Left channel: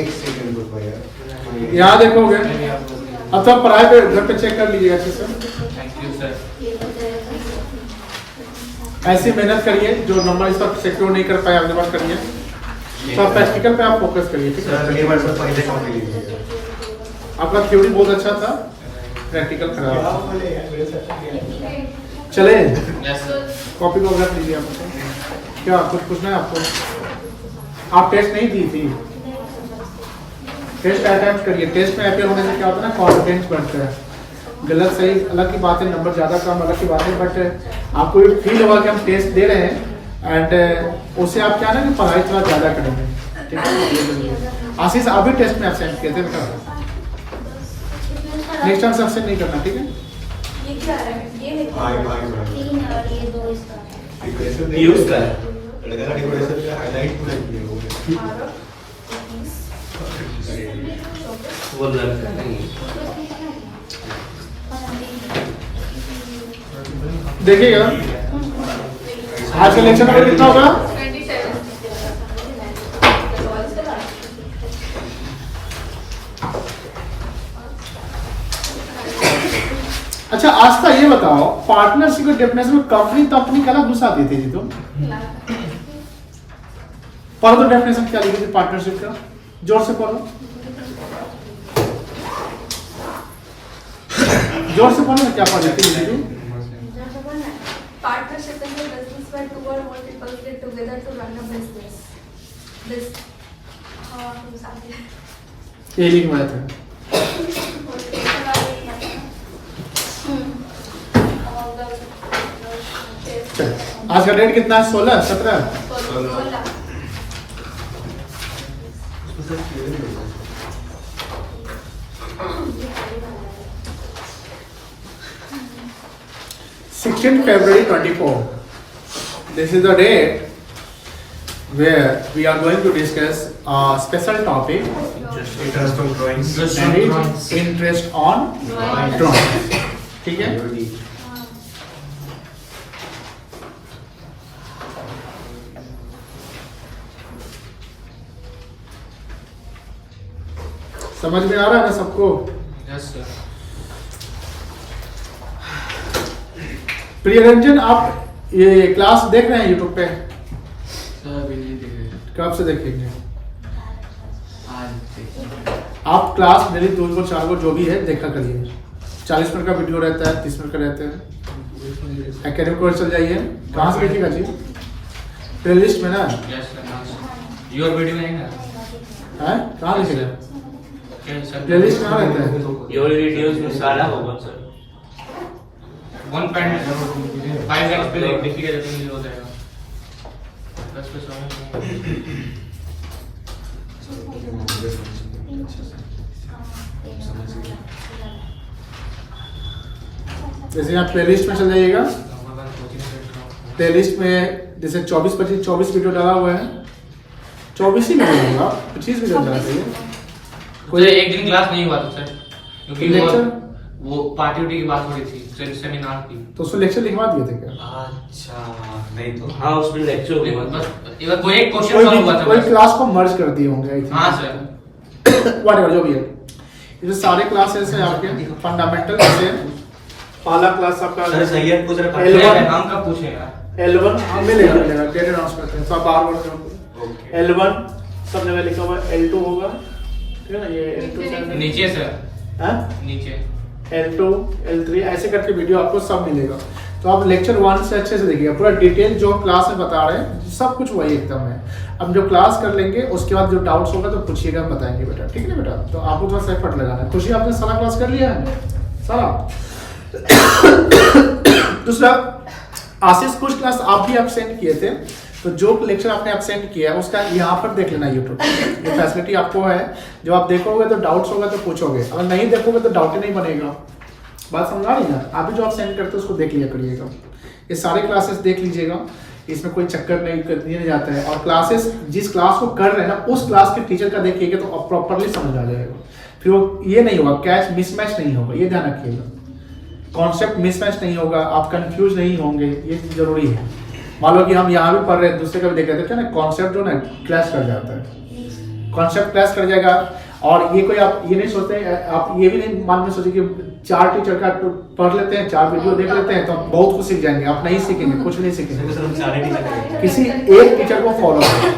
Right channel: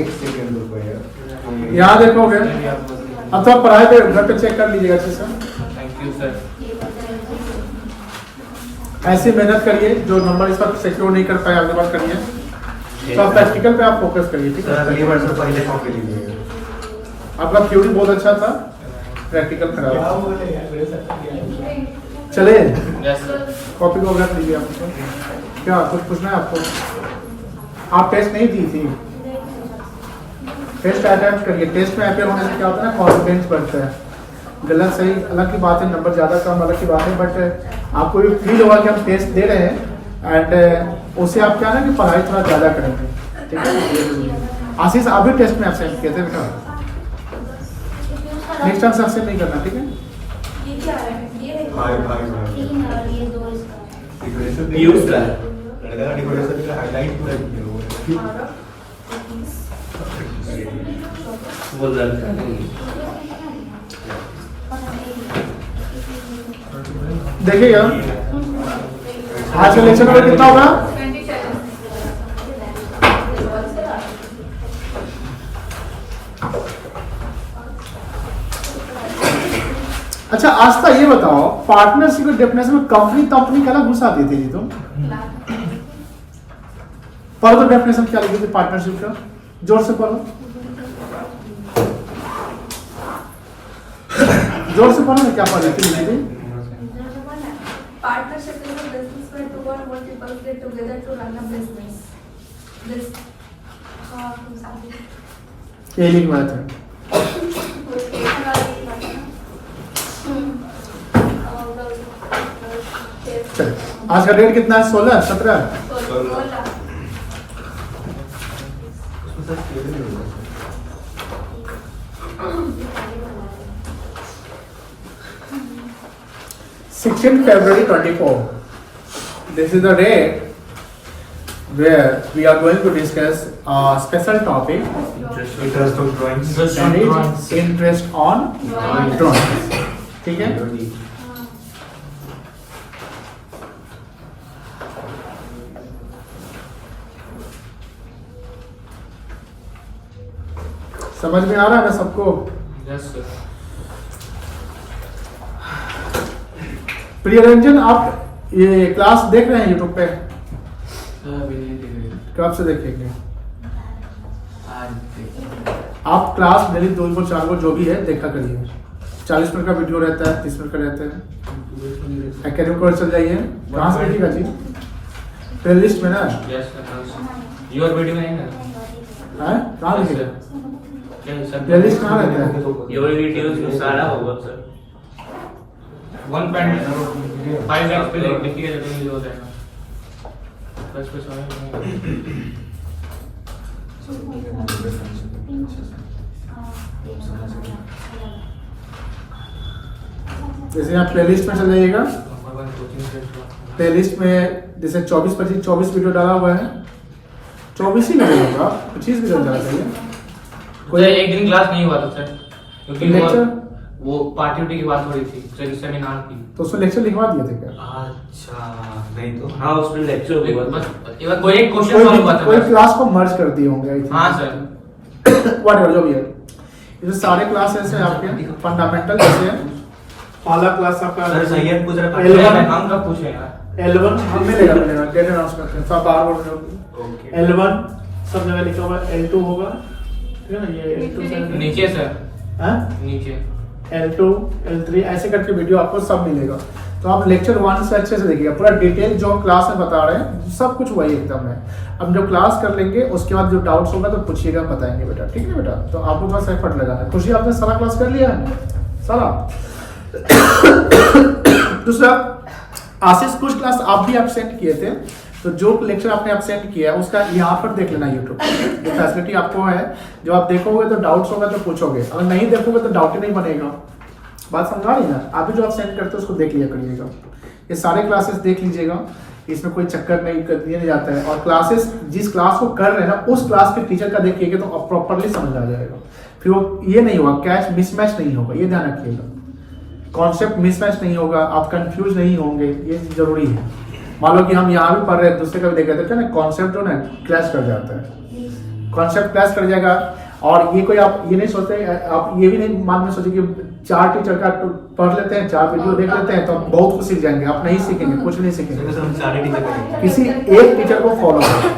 एक सेकंड रुको यार, यहाँ देखोगे। अब तो आप पढ़ाई पे घर पे चेक कर लीजिएगा अच्छे से। Thank you sir. ऐसी मेहनत करिए, जो नंबर इस पर सिक्योर नहीं कर पाए अगले बार करिए। तो आप प्रैक्टिकल पे आप फोकस करिए, ठीक है। सर अगली बार से पहले कॉपी लीजिएगा। आपका थ्योरी बहुत अच्छा था, प्रैक्टिकल खराब। चले यस सर। कॉपी को रख लीजिए। आपको क्या कुछ पूछना है आपको? आप टेस्ट नहीं दी थी, टेस्ट अटेम्प्ट करिए। टेस्ट में अपेयर होने से क्या होता है ना, कॉन्फिडेंस बढ़ता है। गलत सही अलग की बात है, नंबर ज़्यादा कम अलग की बात है, बट आपको ये फील होगा कि हम टेस्ट दे रहे हैं एंड उससे आप क्या ना कि पढ़ाई थोड़ा ज़्यादा करेंगे, ठीक है। आशीष आप भी टेस्ट में एब्सेंट किए थे बेटा, नेक्स्ट टाइम से एब्सेंट नहीं करना, ठीक है। यूज का डेकोरेशन का हाईलाइट पूरा किया हुआ है। वो लड़का नहीं। देखिएगा आज का लेक्चर नंबर कितना होगा? 27। अच्छा आस्था ये बताओ, पार्टनरशिप के डेफिनेशन में कंपनी क्या घुसा दी थी जी तुम? पढ़ो तो डेफिनेशन क्या लिखी थी पार्टनरशिप का, जोर से पढ़ो, जोर से पढ़ो ना, क्या पढ़ी थी? Partnership is a business where two or more people get together to run a business. This, ये लिखवाया था। चलिए आज का डेट कितना है? 16 17 16 February 24. This is the date where we are going to discuss a special topic Interest of drawings. and it's interest on drawing. ठीक है? समझ में आ रहा है ना सबको? Yes sir. प्रियरंजन आप ये क्लास देख रहे हैं यूट्यूब पे? सर अभी नहीं देख रहे। कब से देखेंगे? आज देखेंगे। आप क्लास डेली 2 को 4 को जो भी है देखा करिए। 40 मिनट का वीडियो रहता है, 30 मिनट का रहता है। एकेडमी कोर्स चल जाइए। कहाँ से देखिएगा जी? प्लेलिस्ट में ना? Yes sir. योर वीडियो में है ना? है कहाँ देखिएगा? प्लेलिस्ट कहाँ रहता है? योर वीडियोस में सारा होगा सर। 1.5x पे देखिएगा तो ये हो जाएगा। बस पे जैसे आप प्लेलिस्ट में चल जाइएगा, प्लेलिस्ट में जैसे 24 वीडियो डाला हुआ है। 24 ही वीडियो होगा, 25 वीडियो डाला चाहिए। कोई एक दिन क्लास नहीं हुआ था सर, क्योंकि लेक्चर वो पार्टी की बात हो रही थी, सेमिनार की। तो उसमें लेक्चर लिखवा दिए थे क्या? अच्छा नहीं तो हाँ उसमें लेक्चर हुआ था। बस कोई एक क्वेश्चन कोई सॉल्व हुआ था। कोई क्लास को मर्ज कर दिए होंगे आई थिंक। हाँ सर। व्हाटएवर जो भी है, ये सारे क्लासेस हैं आपके फंडामेंटल। जैसे पहला क्लास आपका सर सही है, कुछ रखा L1 हम कब पूछे यार? L1 हम मिलेगा डेट अनाउंस करते हैं, तो आप बार बार ओके। L1 सब जगह लिखा हुआ है, L2 होगा, ठीक है ना? ये L2 से नीचे सर, हैं, नीचे L2 L3 ऐसे करके वीडियो आपको सब मिलेगा। तो आप लेक्चर 1 से अच्छे से देखिएगा, पूरा डिटेल जो क्लास में बता रहे हैं सब कुछ वही एकदम है। अब जो क्लास कर लेंगे उसके बाद जो डाउट्स होगा तो पूछिएगा, हम बताएंगे बेटा, ठीक है ना बेटा? तो आपको थोड़ा सा एफर्ट लगाना है। खुशी आपने सारा क्लास कर लिया है सारा? दूसरा, आशीष कुछ क्लास आप भी एब्सेंट किए थे, तो जो लेक्चर आपने एब्सेंट किया है उसका यहाँ पर देख लेना यूट्यूब, ये फैसिलिटी आपको है। जब आप देखोगे तो डाउट्स होगा तो पूछोगे, अगर नहीं देखोगे तो डाउट ही नहीं बनेगा। बात समझ आ रही ना? आप भी जो एब्सेंट करते हो उसको देख लिया करिएगा। ये सारे क्लासेस देख लीजिएगा, इसमें कोई चक्कर नहीं कर दिया जाता है। और क्लासेस जिस क्लास को कर रहे हैं ना उस क्लास के टीचर का देखिएगा तो आप प्रॉपरली समझ आ जाएगा। फिर वो ये नहीं होगा, कैच मिसमैच नहीं होगा, ये ध्यान रखिएगा। कॉन्सेप्ट मिसमैच नहीं होगा, आप कंफ्यूज नहीं होंगे, ये जरूरी है। मान लो कि हम यहाँ भी पढ़ रहे हैं, दूसरे का भी देख रहे थे ना, कॉन्सेप्ट जो ना क्लैश कर जाता है। कॉन्सेप्ट क्लास कर जाएगा। और ये कोई आप ये नहीं सोचते, आप ये भी नहीं मान में सोचे कि 4 टीचर का पढ़ लेते हैं, 4 वीडियो देख लेते हैं तो बहुत कुछ सीख जाएंगे। आप नहीं सीखेंगे, कुछ भी नहीं सीखेंगे। हम सारे टीचर करेंगे। किसी एक टीचर को फॉलो करो,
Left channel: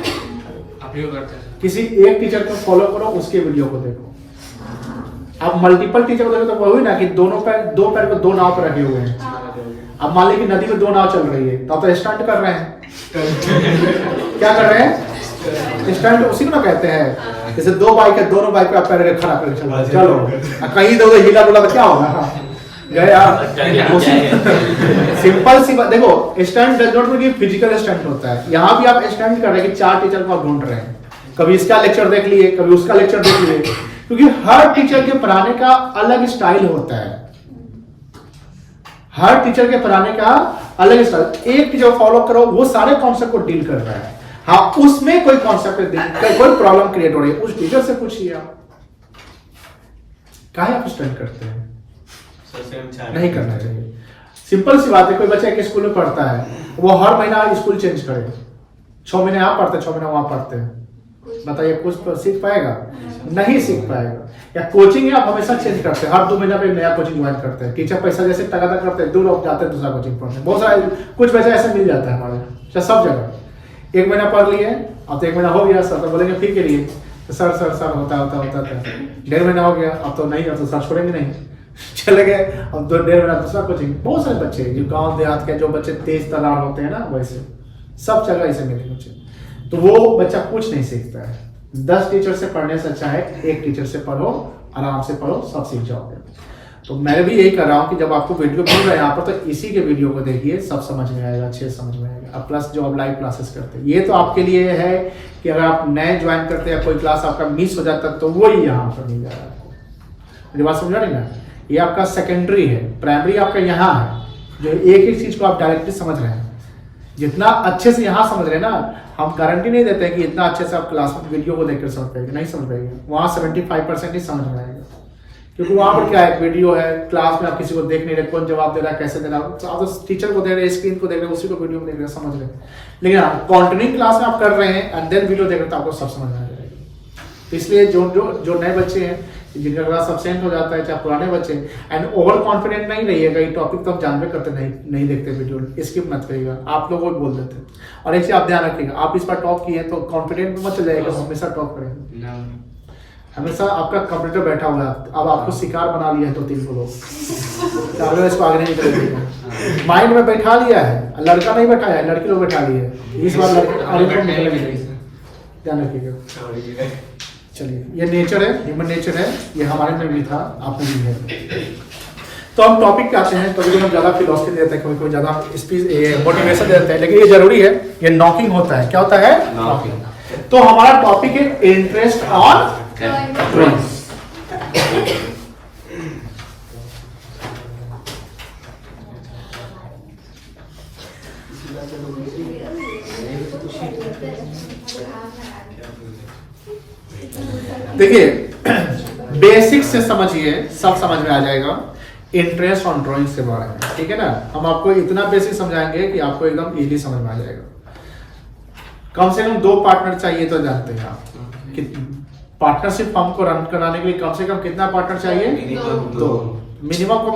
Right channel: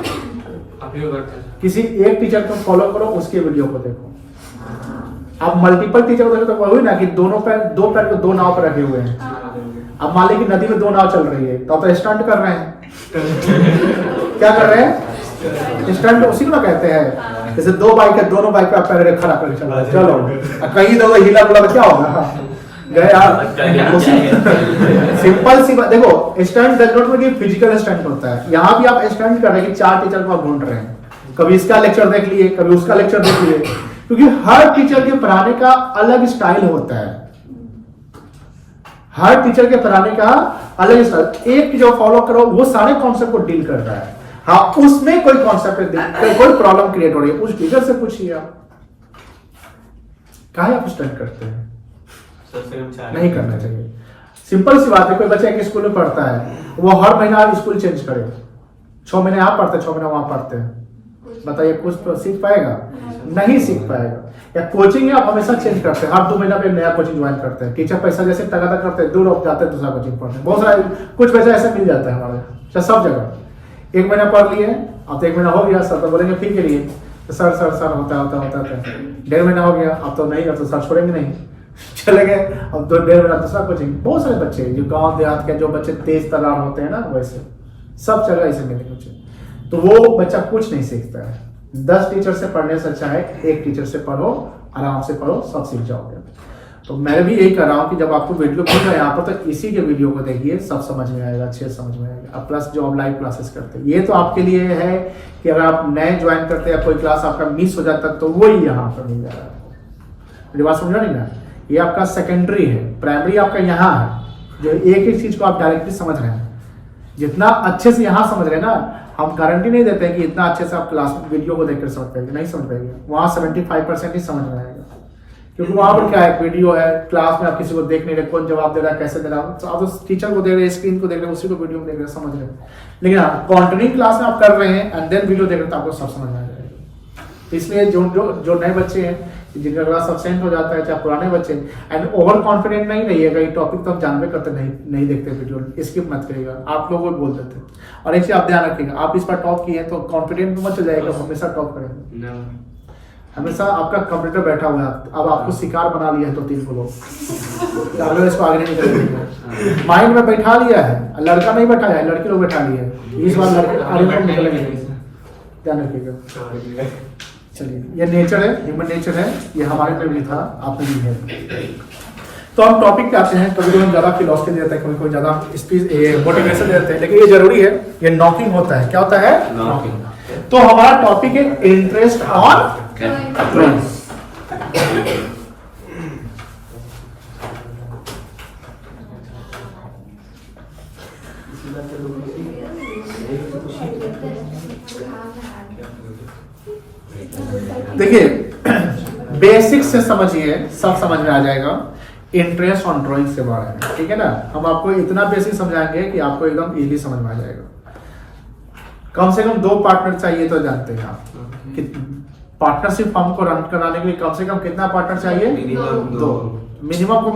आप ही करते हैं। किसी एक टीचर को फॉलो करो, उसके वीडियो को देखो। आप मल्टीपल टीचर को देखो तो वही ना कि दो पैर को 2 नाव पर रखे हुए हैं। अब मान लीजिए कि नदी में 2 नाव चल रही है तो आप तो स्टंट कर रहे हैं। क्या कर रहे हैं? स्टंट उसी को ना कहते हैं। जैसे 2 बाइक है, दोनों बाइक पे आप पैर खड़ा करके चल रहे हैं, चलो और कहीं दो हिला डुला तो क्या होगा? गए आप। सिंपल सी बात देखो, stunt does not mean physical stunt होता है। यहाँ भी आप स्टंट कर रहे हैं कि 4 टीचर को आप ढूंढ रहे हैं, कभी इसका लेक्चर देख लिए, कभी उसका लेक्चर देख लिए, क्योंकि हर टीचर के पढ़ाने का अलग स्टाइल होता है। हर टीचर के पढ़ाने का अलग स्टाइल। एक टीचर फॉलो करो, वो सारे कॉन्सेप्ट को डील कर रहा है। हाँ, उसमें कोई कॉन्सेप्ट कोई प्रॉब्लम क्रिएट हो रही है, उस टीचर से पूछिए आप काहे आप स्टंट करते हैं? नहीं करना चाहिए। सिंपल सी बात है, कोई बच्चा एक स्कूल में पढ़ता है, वो हर महीना स्कूल चेंज करे, 6 महीने यहाँ पढ़ते हैं, 6 महीने वहां पढ़ते हैं, बताइए कुछ तो सीख पाएगा? नहीं सीख पाएगा। या कोचिंग है, आप हमेशा चेंज करते हैं, हर 2 महीना पे नया कोचिंग ज्वाइन करते हैं। टीचर पैसा जैसे तगादा करते हैं, दूर हो जाते हैं दूसरा कोचिंग पढ़ने। बहुत सारे कुछ पैसा ऐसे मिल जाता है हमारे सब जगह। 1 महीना पढ़ लिए, अब तो 1 महीना हो गया, सर तो बोलेंगे फिर के लिए तो सर होता 1.5 महीना हो गया, अब तो नहीं, अब तो सर छोड़ेंगे नहीं, चले गए। अब 1.5 महीना दूसरा कोचिंग। बहुत सारे बच्चे जो गांव देहात के जो बच्चे तेज तर्रार होते हैं ना, वैसे सब जगह ऐसे मिलेंगे बच्चे, तो वो बच्चा कुछ नहीं सीखता है। 10 टीचर से पढ़ने से अच्छा है 1 टीचर से पढ़ो, आराम से पढ़ो, सब सीख जाओगे। तो मैं भी यही कर रहा हूँ कि जब आपको वीडियो मिल रहा है यहाँ पर, तो इसी के वीडियो को देखिए, सब समझ में आएगा, अच्छे से समझ में आएगा। अब प्लस जो आप लाइव क्लासेस करते हैं, ये तो आपके लिए है कि अगर आप नए ज्वाइन करते हैं, कोई क्लास आपका मिस हो जाता है तो वही यहाँ पर मिल जा रहा है आपको। मेरी बात समझा नहीं ना? ये आपका सेकेंडरी है, प्राइमरी आपका यहाँ है, जो एक चीज को आप डायरेक्टली समझ रहे हैं। जितना अच्छे से यहाँ समझ रहे हैं ना, हम गारंटी नहीं देते हैं कि इतना अच्छे से आप क्लास में वीडियो को देखकर समझ पाएंगे, नहीं समझ पाएंगे। वहाँ 75% ही समझ में आएगा, क्योंकि वहां पर क्या है, वीडियो है, क्लास में आप किसी को देख नहीं रहे, कौन जवाब दे रहा है, कैसे दे रहा है, तो आप तो टीचर को देख रहे हैं, स्क्रीन को देख रहे हैं, उसी को वीडियो में देख रहे हैं, समझ रहे हैं। लेकिन हाँ, कंटिन्यू क्लास में आप कर रहे हैं एंड देन वीडियो देख रहे हैं, तो आपको सब समझ में आ जाएगा। इसलिए जो नए बच्चे हैं, जिनका क्लास अब्सेंट हो जाता है, चाहे पुराने बच्चे, एंड ओवर कॉन्फिडेंट नहीं रहिएगा। ये टॉपिक तो हम जानबे करते नहीं देखते वीडियो, स्किप मत करिएगा, आप लोगों को बोल देते हैं। और एक चीज आप ध्यान रखिएगा, आप इस पर टॉप किए तो कॉन्फिडेंट मत हो जाएगा, हमेशा टॉप करेंगे। हमेशा आपका कंप्यूटर बैठा हुआ है, अब आपको शिकार बना लिया है तो 3 लोग, अगर इसको आगे नहीं करेंगे, माइंड में बैठा लिया है। लड़का नहीं बैठाया है, लड़की लोग बैठा लिए है। इस बार लड़के आगे तो निकलेंगे, ध्यान रखिएगा। चलिए, ये नेचर है, ह्यूमन नेचर है, ये हमारे में भी था, आप में भी है। तो हम टॉपिक पे आते हैं। कभी कभी हम ज्यादा फिलॉसफी देते हैं, कभी ज्यादा स्पीच मोटिवेशन देते हैं, लेकिन ये जरूरी है, ये नॉकिंग होता है। क्या होता है? नॉकिंग। तो हमारा टॉपिक है इंटरेस्ट ऑन ड्राइंग। देखिए, बेसिक से समझिए, सब समझ में आ जाएगा इंटरेस्ट ऑन ड्राइंग्स के बारे में, ठीक है ना। हम आपको इतना बेसिक समझाएंगे कि आपको एकदम इजीली समझ में आ जाएगा। कम से कम 2 पार्टनर चाहिए, तो जानते हैं आप कि पार्टनरशिप फर्म को रन कराने के लिए कम से कम कितना पार्टनर चाहिए? 2। मिनिमम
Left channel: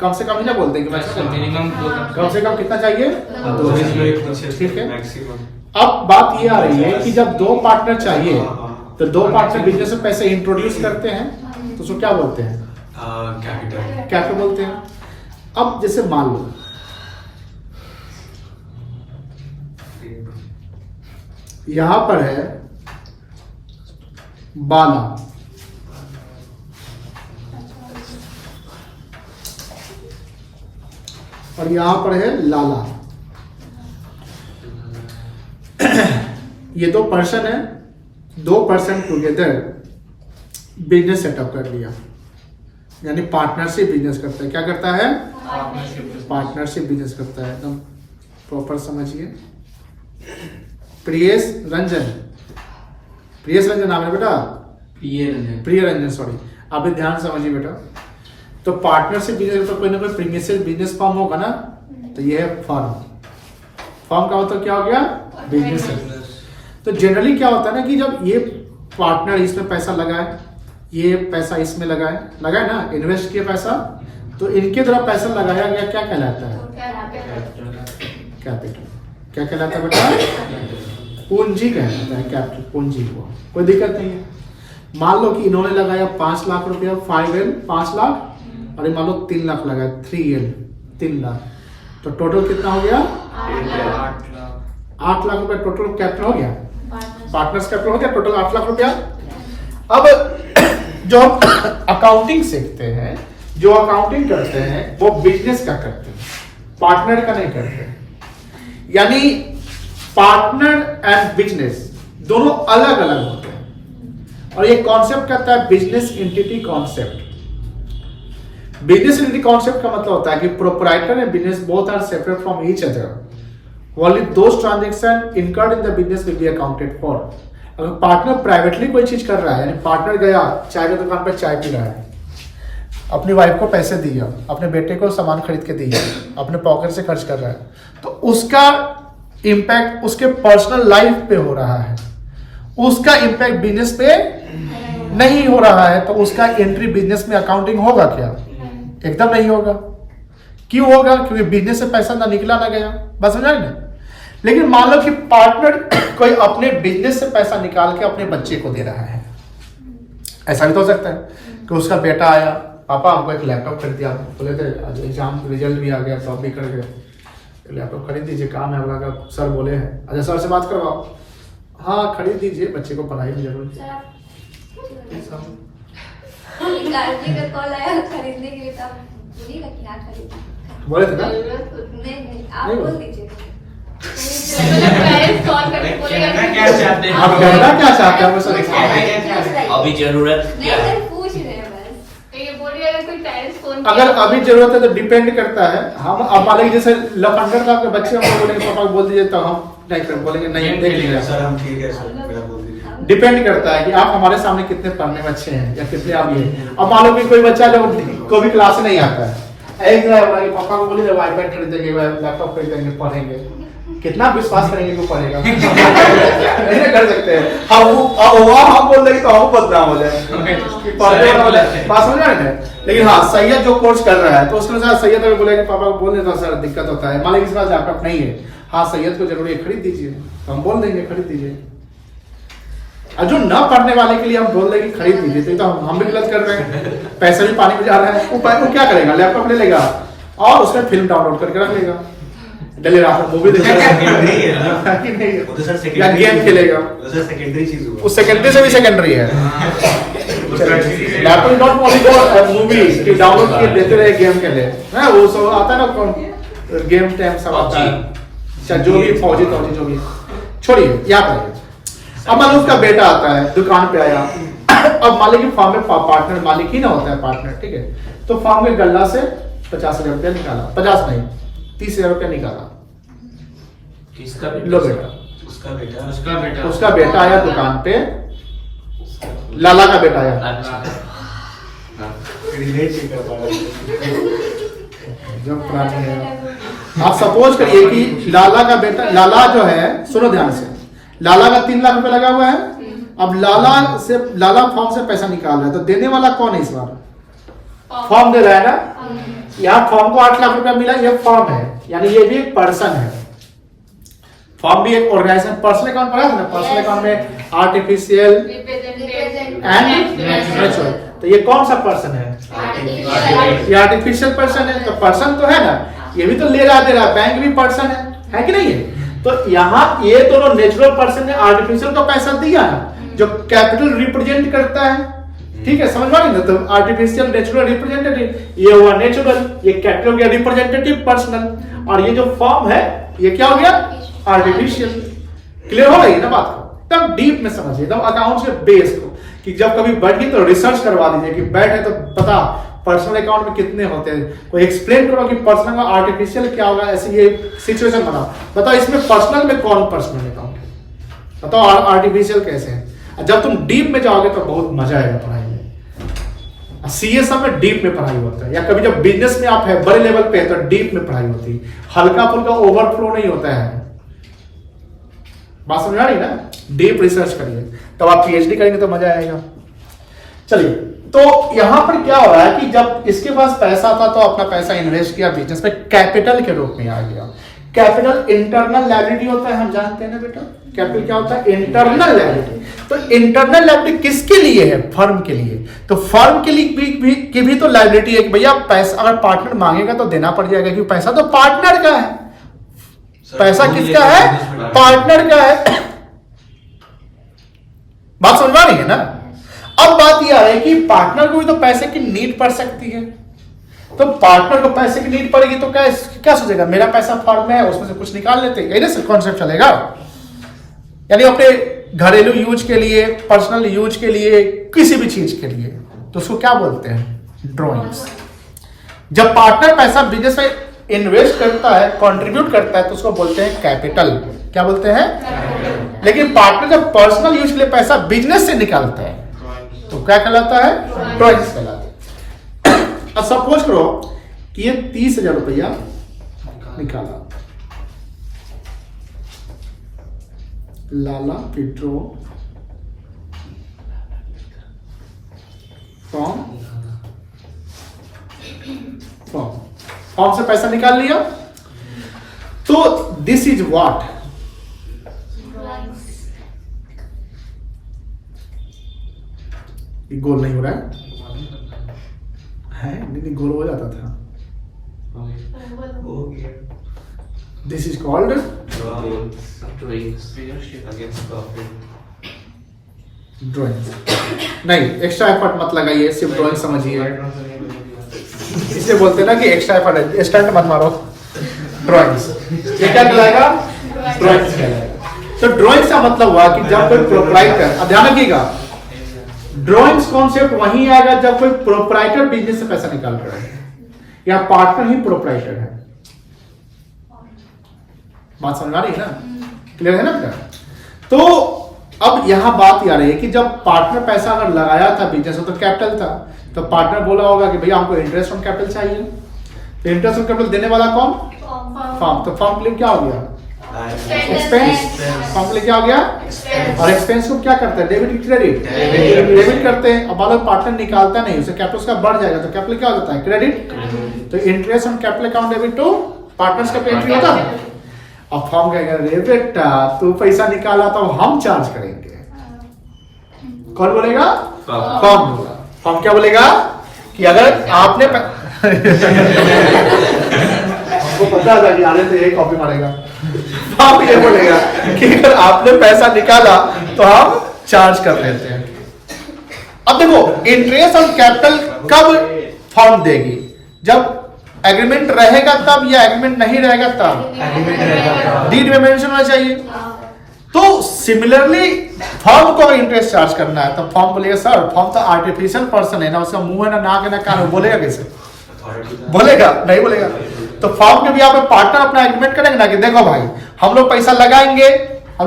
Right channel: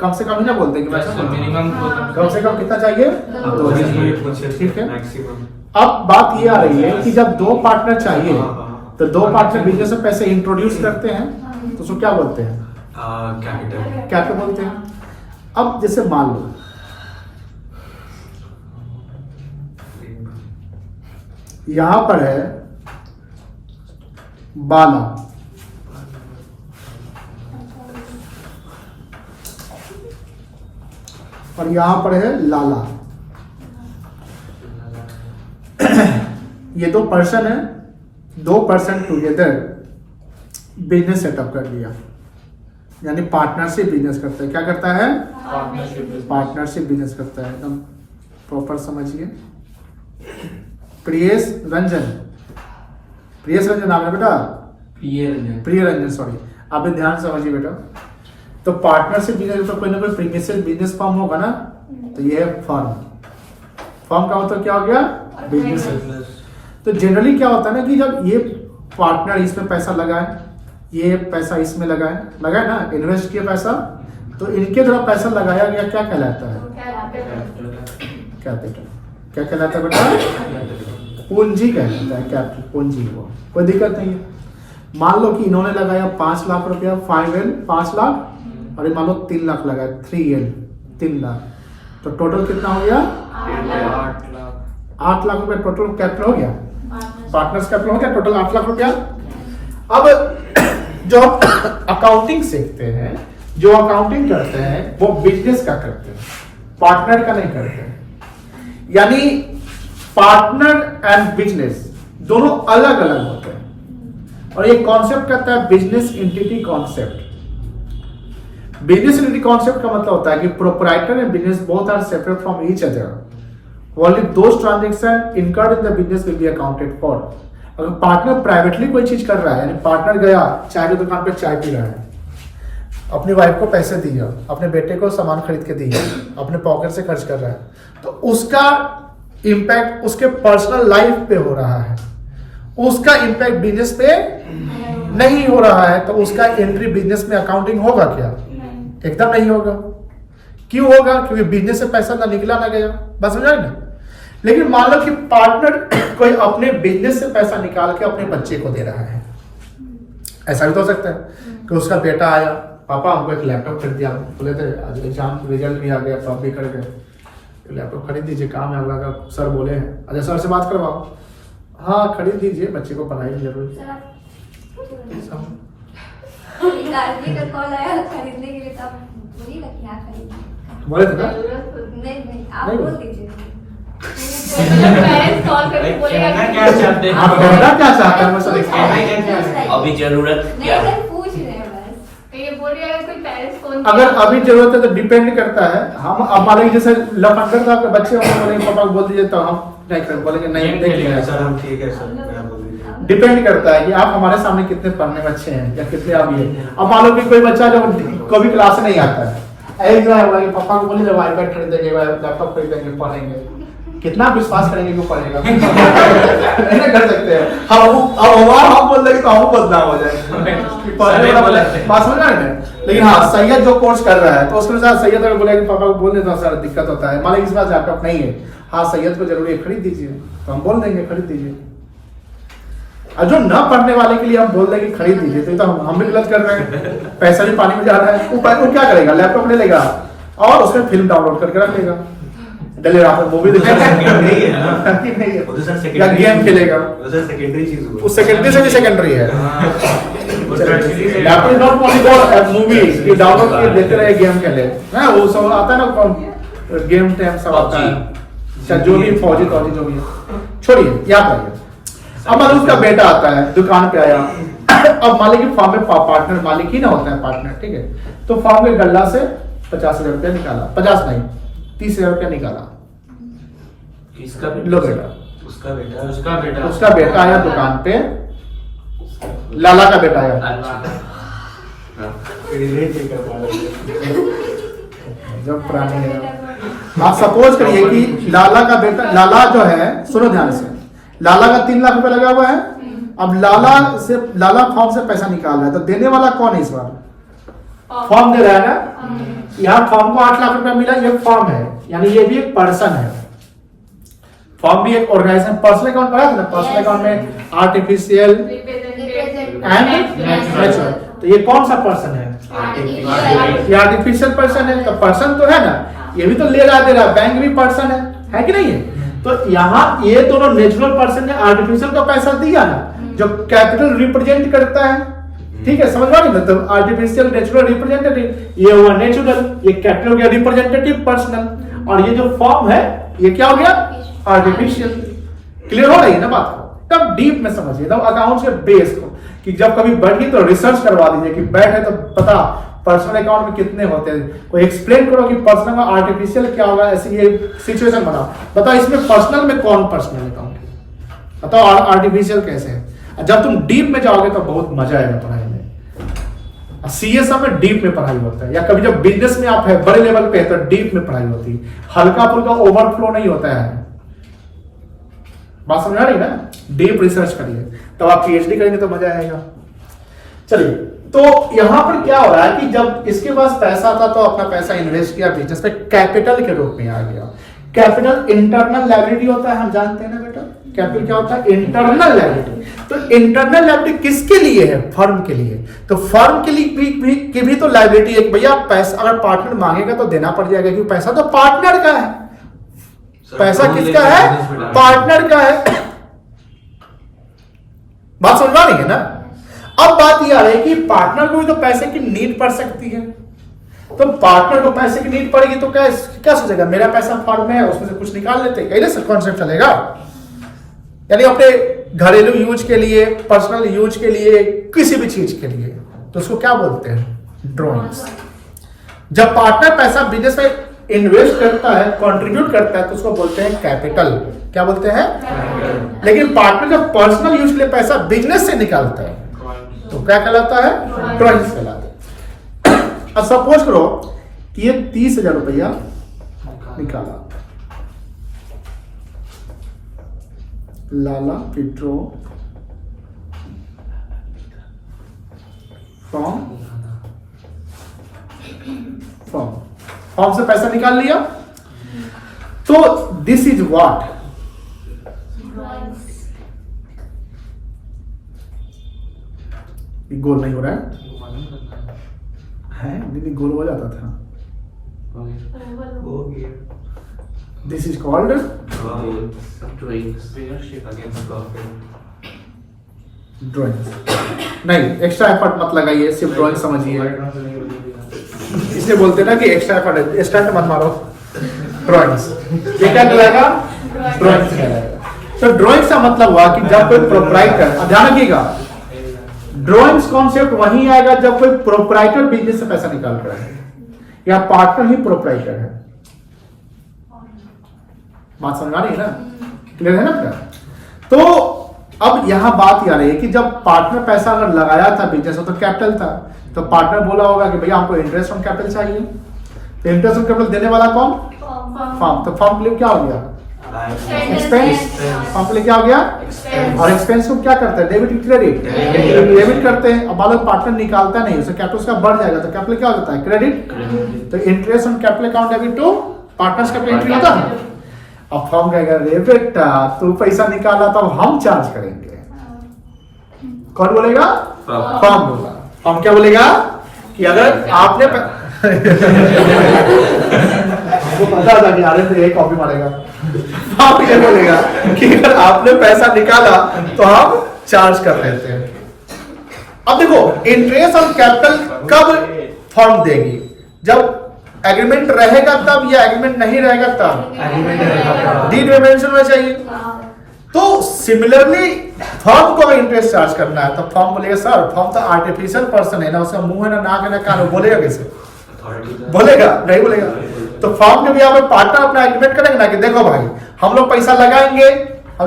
कम से कम ही ना बोलते हैं कि मिनिमम कम से कम कितना चाहिए? 2, ठीक है। अब बात ये आ रही है कि जब 2 पार्टनर चाहिए, तो 2 पार्टनर बिजनेस में पैसे इंट्रोड्यूस करते हैं, तो उसको क्या बोलते हैं? कैपिटल बोलते हैं। अब जैसे मान लो यहां पर है बाला, और यहां पर है लाला। ये 2 पर्सन है, 2 पर्सन टुगेदर बिजनेस सेटअप कर लिया, यानी पार्टनरशिप बिजनेस करता है। क्या करता है? पार्टनरशिप बिजनेस करता है। एकदम प्रॉपर समझिए। प्रियेश रंजन नाम है बेटा, प्रिय रंजन, सॉरी, आप भी ध्यान समझिए बेटा। तो पार्टनरशिप बिजनेस पर कोई ना कोई प्रीमिशियल बिजनेस फॉर्म होगा ना, तो ये है फर्म का मतलब क्या हो गया? बिजनेस। तो जनरली क्या होता है ना कि जब ये पार्टनर इसमें पैसा लगाए, ये पैसा इसमें लगाए ना, इन्वेस्ट किया पैसा, तो इनके द्वारा पैसा लगाया गया क्या कहलाता है? कैपिटल। क्या कहलाता है बेटा? पूंजी कहलाता है, कैपिटल पूंजी हुआ, कोई दिक्कत नहीं है। मान लो कि इन्होंने लगाया 5 लाख रुपया, 5L 5 लाख, और ये मान लो 3 लाख लगाया, 3L 3 लाख, तो टोटल कितना हो गया? 8 लाख रुपया टोटल कैपिटल हो गया, पार्टनर्स कैपिटल हो गया टोटल 8 लाख रुपया। अब जो अकाउंटिंग सीखते हैं, जो अकाउंटिंग करते हैं, वो बिजनेस का करते हैं, पार्टनर का नहीं करते। यानी पार्टनर एंड बिजनेस दोनों अलग अलग होते हैं, और ये कॉन्सेप्ट कहता है business entity concept. Business entity concept का मतलब होता है कि proprietor and business both are separate from each other, only those transaction incurred in the business will be accounted for. अगर पार्टनर प्राइवेटली कोई चीज कर रहा है, यानी पार्टनर गया चाय की दुकान पे चाय पी रहा है, अपनी वाइफ को पैसे दिया, अपने बेटे को सामान खरीद के दिया, अपने पॉकेट से खर्च कर रहा है, तो उसका इंपैक्ट उसके पर्सनल लाइफ पे हो रहा है, उसका इंपैक्ट बिजनेस पे नहीं हो रहा है, तो उसका एंट्री बिजनेस में अकाउंटिंग होगा क्या? एकदम नहीं होगा। क्यों होगा? क्योंकि बिजनेस से पैसा ना निकला ना गया, बस समझ रहे हैं। लेकिन मान लो कि पार्टनर कोई अपने बिजनेस से पैसा निकाल के अपने बच्चे को दे रहा है, ऐसा भी तो हो सकता है कि उसका बेटा आया, पापा हमको एक लैपटॉप खरीद दिया, बोले थे आज एग्जाम रिजल्ट भी आ गया, तो आप भी कर गए, लैपटॉप खरीद दीजिए, काम है आपका, सर बोले हैं, अच्छा सर से बात करवाओ, हाँ खरीद दीजिए, बच्चे को पढ़ाई की जरूरत है। बोले थे ना? आप बोल दीजिए। कहना क्या चाहते हैं? आप कहना क्या चाहते हैं? मैं सर अभी जरूरत क्या है? पूछ रहे हैं बस। ये बोल रही है कोई पेरेंट्स फोन अगर अभी जरूरत है तो डिपेंड करता है। हम अब मान लीजिए जैसे लफंडर था, बच्चे हमको बोलेंगे पापा को बोल दीजिए, तो हम नहीं कर बोलेंगे नहीं देख लेंगे सर हम ठीक है सर, मेरा बोल दीजिए। डिपेंड करता है कि आप हमारे सामने कितने पढ़ने बच्चे हैं या कितने आप ये। अब मान लो कि कोई बच्चा जो कोई भी क्लास नहीं आता है, एक पापा को बोले जब आईपैड खरीदेंगे, लैपटॉप खरीदेंगे, पढ़ेंगे, कितना विश्वास करेंगे वो पढ़ेगा? नहीं कर सकते हैं हम बोल देंगे तो हम बदनाम हो जाए, बात समझ रहे हैं। लेकिन हाँ सैयद जो कोर्स कर रहा है तो उसके अनुसार सैयद अगर बोलेगा पापा को बोल देता सर दिक्कत होता है, मान लीजिए इस बात लैपटॉप नहीं है, हाँ सैयद को जरूरी है खरीद दीजिए, तो हम बोल देंगे खरीद दीजिए। और जो ना पढ़ने वाले के लिए हम बोल देंगे खरीद दीजिए, तो हम भी गलत कर रहे हैं, पैसा भी पानी में जा रहा है। वो क्या करेगा? लैपटॉप ले लेगा और उसमें फिल्म डाउनलोड करके रख लेगा, डले रात में मूवी देखेगा या गेम खेलेगा, सेकेंडरी चीज हुआ, वो सेकेंडरी से भी सेकेंडरी है। Laptop not only for movie कि डाउनलोड किए देते रहे गेम खेले, है वो सब आता है ना, कौन गेम टाइम सब आता है, चाहे जो भी फौजी तौजी जो भी है, छोड़िए याद आइए। अब मान लो उसका बेटा आता है, दुकान पे आया, अब मालिक की फॉर्म में पार्टनर मालिक ही ना होता है पार्टनर, ठीक है, तो फॉर्म के गल्ला से 50,000 रुपया निकाला, 50 नहीं 30,000 रुपया निकाला। किसका लो बेटा, उसका बेटा आया दुकान पे, लाला का बेटा आया, अच्छा रिलेट नहीं कर पा रहे। जब पुरानी है। आप सपोज करिए कि लाला का बेटा, लाला जो है सुनो ध्यान से, लाला का 3 लाख रुपए लगा हुआ है। अब लाला फॉर्म से पैसा निकाल रहा है, तो देने वाला कौन है इस बार? फॉर्म दे रहा है ना। यहाँ फॉर्म को 8 लाख रुपया मिला, ये फॉर्म है, यानी ये भी एक पर्सन है। फॉर्म भी एक ऑर्गेनाइजेशन, पर्सनल अकाउंट पढ़ा था ना, पर्सनल अकाउंट में आर्टिफिशियल एंड नेचुरल, तो ये कौन सा पर्सन है? ये आर्टिफिशियल पर्सन है, तो पर्सन तो है ना, ये भी तो ले रहा दे रहा, बैंक भी पर्सन है कि नहीं है? तो यहाँ ये दोनों नेचुरल पर्सन ने आर्टिफिशियल का पैसा दिया ना, जो कैपिटल रिप्रेजेंट करता है, ठीक है, समझ पाएंगे ना? तो आर्टिफिशियल नेचुरल रिप्रेजेंटेटिव, ये हुआ नेचुरल, ये कैपिटल हो गया रिप्रेजेंटेटिव पर्सनल, और ये जो फॉर्म है ये क्या हो गया? आर्टिफिशियल। क्लियर हो रही है ना बात को? तब डीप में समझिए, तब अकाउंट के बेस को, कि जब कभी बैठ गई तो रिसर्च करवा दीजिए कि बैठे तो पता पर्सनल अकाउंट में कितने होते हैं, कोई एक्सप्लेन करो कि पर्सनल में आर्टिफिशियल क्या होगा, ऐसी ये सिचुएशन बनाओ, बताओ इसमें पर्सनल में कौन पर्सनल अकाउंट है, बताओ आर्टिफिशियल कैसे है। जब तुम डीप में जाओगे तो बहुत मजा आएगा पढ़ाई में। सीएस में डीप में पढ़ाई होता है, या कभी जब बिजनेस में आप है बड़े लेवल पे है तो डीप में पढ़ाई होती है, हल्का फुल्का ओवरफ्लो नहीं होता है। बात समझ आ रही है ना? डीप रिसर्च करिए, तब आप पीएचडी करेंगे तो मजा आएगा। चलिए, तो यहां पर क्या हो रहा है कि जब इसके पास पैसा था तो अपना पैसा इन्वेस्ट किया बिजनेस पे, कैपिटल के रूप में आ गया। कैपिटल इंटरनल लायबिलिटी होता है, हम जानते हैं ना बेटा। कैपिटल क्या होता है? Internal liability. तो इंटरनल लायबिलिटी किसके लिए है? फर्म के लिए। तो फर्म के लिए की भी तो लायबिलिटी है कि भैया पैसा अगर पार्टनर मांगेगा तो देना पड़ जाएगा, क्योंकि पैसा तो पार्टनर का है। पैसा किसका है? पार्टनर का है। बात समझ आ रही है ना? अब बात यह आ रही है कि पार्टनर को भी तो पैसे की नीड पड़ सकती है। तो पार्टनर को पैसे की नीड पड़ेगी तो क्या सोचेगा? मेरा पैसा फर्म में है, उसमें से कुछ निकाल लेते हैं, ऐसे कॉन्सेप्ट चलेगा। यानी अपने घरेलू यूज के लिए, पर्सनल यूज के लिए, किसी भी चीज के लिए, तो उसको क्या बोलते हैं? ड्रॉइंग्स। जब पार्टनर पैसा बिजनेस में इन्वेस्ट करता है, कंट्रीब्यूट करता है, तो उसको बोलते हैं कैपिटल। क्या बोलते हैं? लेकिन पार्टनर जब पर्सनल यूज के लिए पैसा बिजनेस से निकालता है तो क्या कहलाता है? ड्रॉइंग्स कहलाता है। अब सपोज करो कि ये 30,000 रुपया निकाला, लाला पिट्रो फॉर्म से पैसा निकाल लिया, तो दिस इज व्हाट? गोल नहीं हो रहा है? नहीं, गोल हो जाता था। This is called drawing. नहीं, एक्स्ट्रा एफर्ट मत लगाइए, सिर्फ ड्राइंग समझिए। इसलिए बोलते हैं ना कि एक्स्ट्रा एफर्ट, स्टंट मत मारो। ड्राइंग्स ये क्या कहलाएगा? ड्राइंग्स कहलाएगा। तो ड्राइंग्स का मतलब हुआ कि जब कोई प्रोप्राइटर, ध्यान रखिएगा, ड्राइंग्स कॉन्सेप्ट वहीं आएगा जब कोई प्रोप्राइटर बिजनेस से पैसा निकाल रहा है या पार्टनर ही प्रोप्राइटर है। बात समझ आ रही है ना? क्लियर है ना बेटा? तो अब यहां बात आ रही है कि जब पार्टनर पैसा अगर लगाया था बिजनेस में तो कैपिटल था, तो पार्टनर बोला होगा कि भैया हमको इंटरेस्ट ऑन कैपिटल चाहिए। तो इंटरेस्ट ऑन कैपिटल देने वाला कौन? फर्म। तो फर्म के लिए क्या हो गया? एक्सपेंस। फर्म के लिए क्या हो गया? और एक्सपेंस को क्या करते हैं? Debit credit? डेबिट करते हैं। अब मान पार्टनर निकालता नहीं, उसे कैपिटल उसका बढ़ जाएगा तो कैपिटल क्या हो जाता है? क्रेडिट। तो interest on capital account debit to partners capital entry होता है। अब फर्म कहेगा रे बेटा तू पैसा निकाला तो हम चार्ज करेंगे। कौन बोलेगा? फर्म बोला। फर्म क्या बोलेगा कि अगर आपने हमको पता था कि आ रहे थे एक कॉपी मारेगा। फर्म ये बोलेगा कि अगर आपने पैसा निकाला तो हम चार्ज कर लेते हैं। अब देखो, इंटरेस्ट ऑन कैपिटल कब फर्म देगी? जब एग्रीमेंट रहेगा तब, या एग्रीमेंट नहीं रहेगा तब? डीड में मेंशन होना चाहिए। तो सिमिलरली फर्म को इंटरेस्ट चार्ज करना है तो फर्म बोलेगा सर फर्म तो आर्टिफिशियल पर्सन है ना, उसका मुंह है ना, नाक है ना, कान है, बोलेगा कैसे? बोलेगा नहीं बोलेगा। तो फर्म के भी यहाँ पे पार्टनर अपना एग्रीमेंट करेंगे ना कि देखो भाई हम लोग पैसा लगाएंगे, तो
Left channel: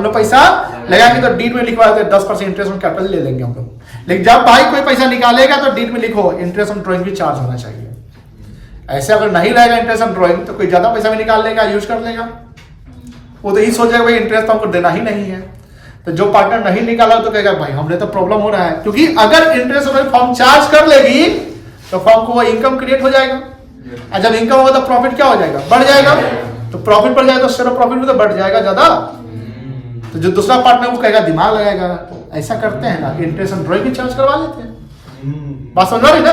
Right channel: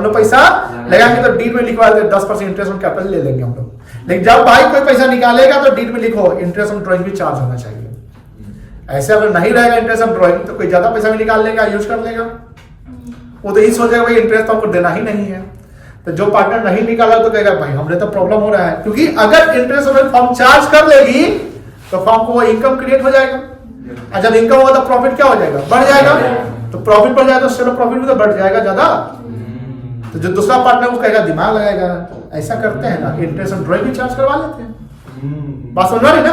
डीड में लिखवा देते 10% इंटरेस्ट ऑन कैपिटल ले लेंगे हम लोग। लेकिन जब भाई कोई पैसा निकालेगा तो डीड में लिखो इंटरेस्ट ऑन ड्राइंग भी चार्ज होना चाहिए। ऐसे अगर नहीं रहेगा इंटरेस्ट ऑन ड्राइंग तो कोई ज्यादा पैसा भी निकाल लेगा, यूज कर लेगा। वो तो यही सोचेगा भाई इंटरेस्ट तो हमको देना ही नहीं है। तो जो पार्टनर नहीं निकाला तो कहेगा भाई हमने तो प्रॉब्लम हो रहा है, क्योंकि अगर इंटरेस्ट फर्म चार्ज कर लेगी तो फर्म को वो इनकम क्रिएट हो जाएगा, और जब इनकम होगा तो प्रॉफिट क्या हो जाएगा? बढ़ जाएगा। तो प्रॉफिट बढ़ जाएगा तो शेयर प्रॉफिट भी तो बढ़ जाएगा ज्यादा। तो जो दूसरा पार्टनर वो कहेगा दिमाग लगाएगा, ऐसा करते हैं ना, इंटरेस्ट ऑन ड्राइंग भी चार्ज करवा लेते हैं। बात समझ रही ना?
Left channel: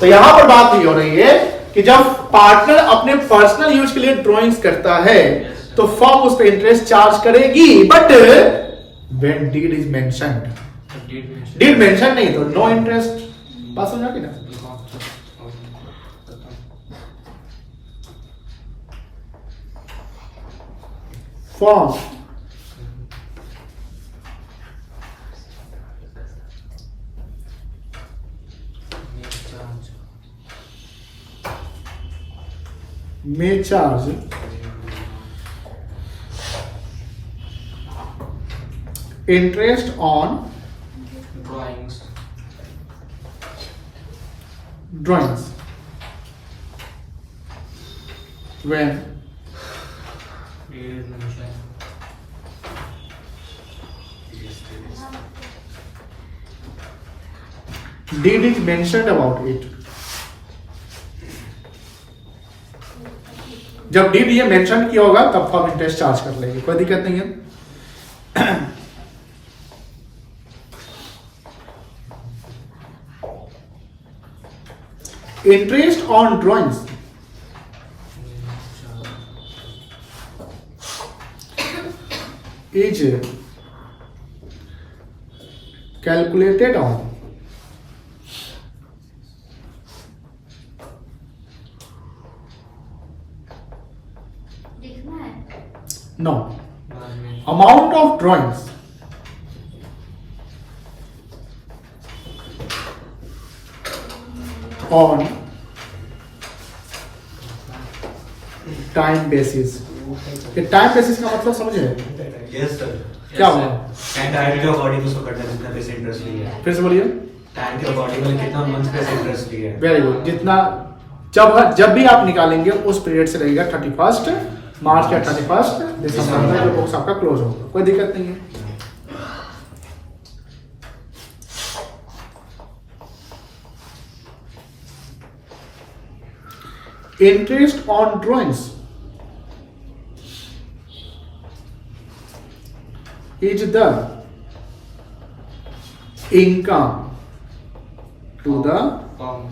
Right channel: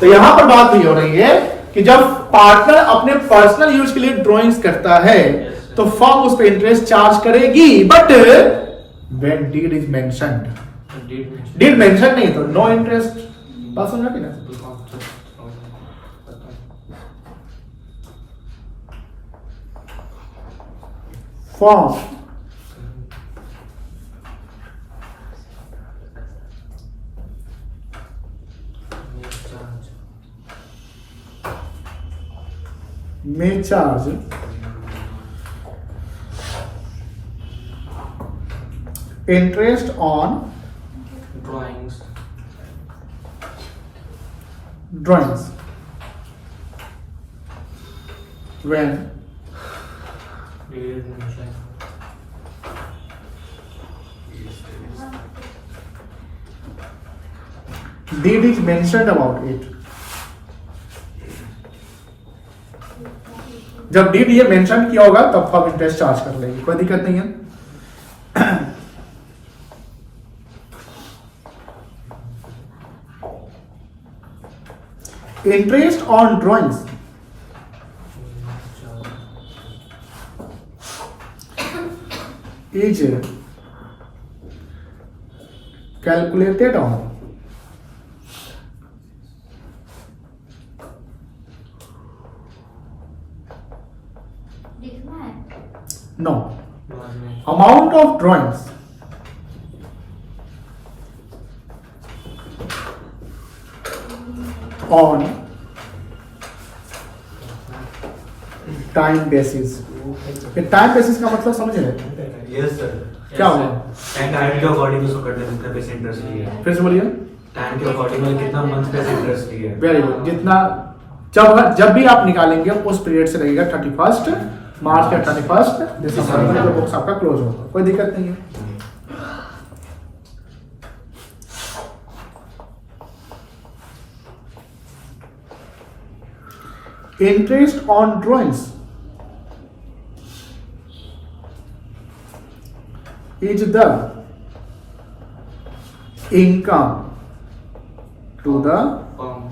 तो यहां पर बात नहीं हो रही है कि जब पार्टनर अपने पर्सनल यूज के लिए ड्राइंग्स करता है तो फर्म उस पर इंटरेस्ट चार्ज करेगी, but when deed is mentioned, deed mention नहीं तो नो इंटरेस्ट। बात समझ रही ना? Firm may charge interest on drawings when deed is mentioned about it. जब डीड ये मेंशन किया होगा तब फर्म इंटरेस्ट चार्ज कर लेगी, कोई दिक्कत नहीं है। Interest on drawings is calculated on लिखना है। no amount of drawings on time basis। ये टाइम बेसिस का मतलब समझे? Yes sir. क्या हुआ? टाइम के अकॉर्डिंग उसको करना है, कितना पैसे इंटरेस्ट लिया है। फिर से बोलिए। टाइम के अकॉर्डिंग कितना मंथ पैसे इंटरेस्ट लिया है। Very good. जितना जब भी आप निकालेंगे उस पीरियड से रहेगा 31 मार्च या 31 दिसंबर में जो बुक्स आपका क्लोज होगा, कोई दिक्कत नहीं है। Interest on drawings is the income to the firm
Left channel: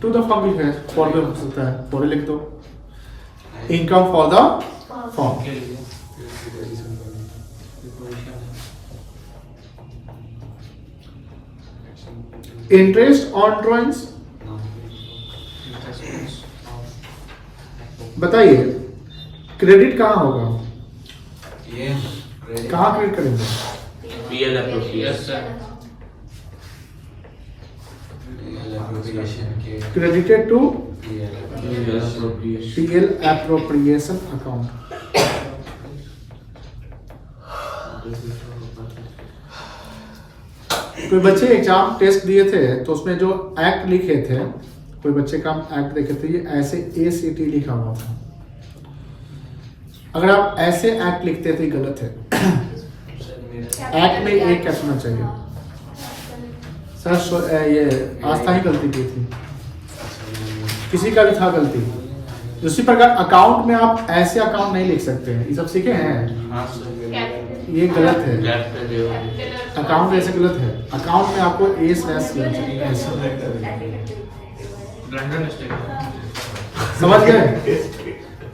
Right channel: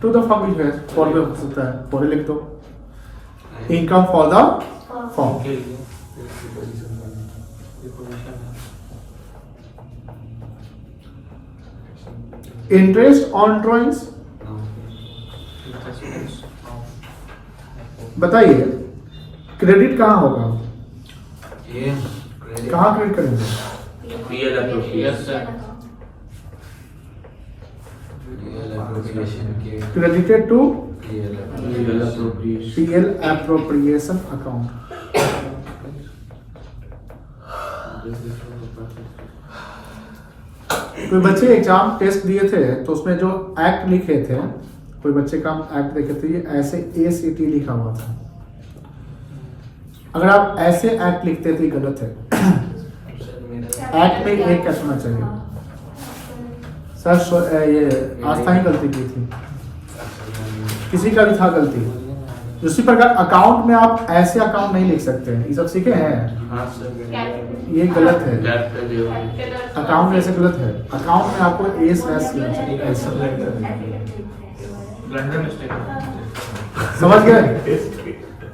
to the firm भी है, for भी हो सकता है, for लिख दो। income for the firm। के लिए ये पोजीशन है। interest on drawings बताइए क्रेडिट कहाँ होगा, ये कहाँ क्रेडिट करेंगे? Yes sir. Credited to PL appropriation। PL appropriation account। कोई बच्चे एग्जाम टेस्ट दिए थे तो उसमें जो एक्ट लिखे थे, कोई बच्चे का एक्ट देखे थे, ये ऐसे ACT लिखा हुआ था। अगर आप ऐसे एक्ट लिखते थे गलत है। एक्ट में एक कैसे होना चाहिए सर? ये आस्था ही गलती की थी, किसी का भी था गलती। उसी प्रकार अकाउंट में आप ऐसे अकाउंट नहीं लिख सकते हैं, ये सब सीखे हैं, हाँ सर। ये गलत है। कैपिटल अकाउंट में ऐसे गलत है, अकाउंट में आपको ए स्लैश ऐसे। ब्लंडर मिस्टेक समझ गए?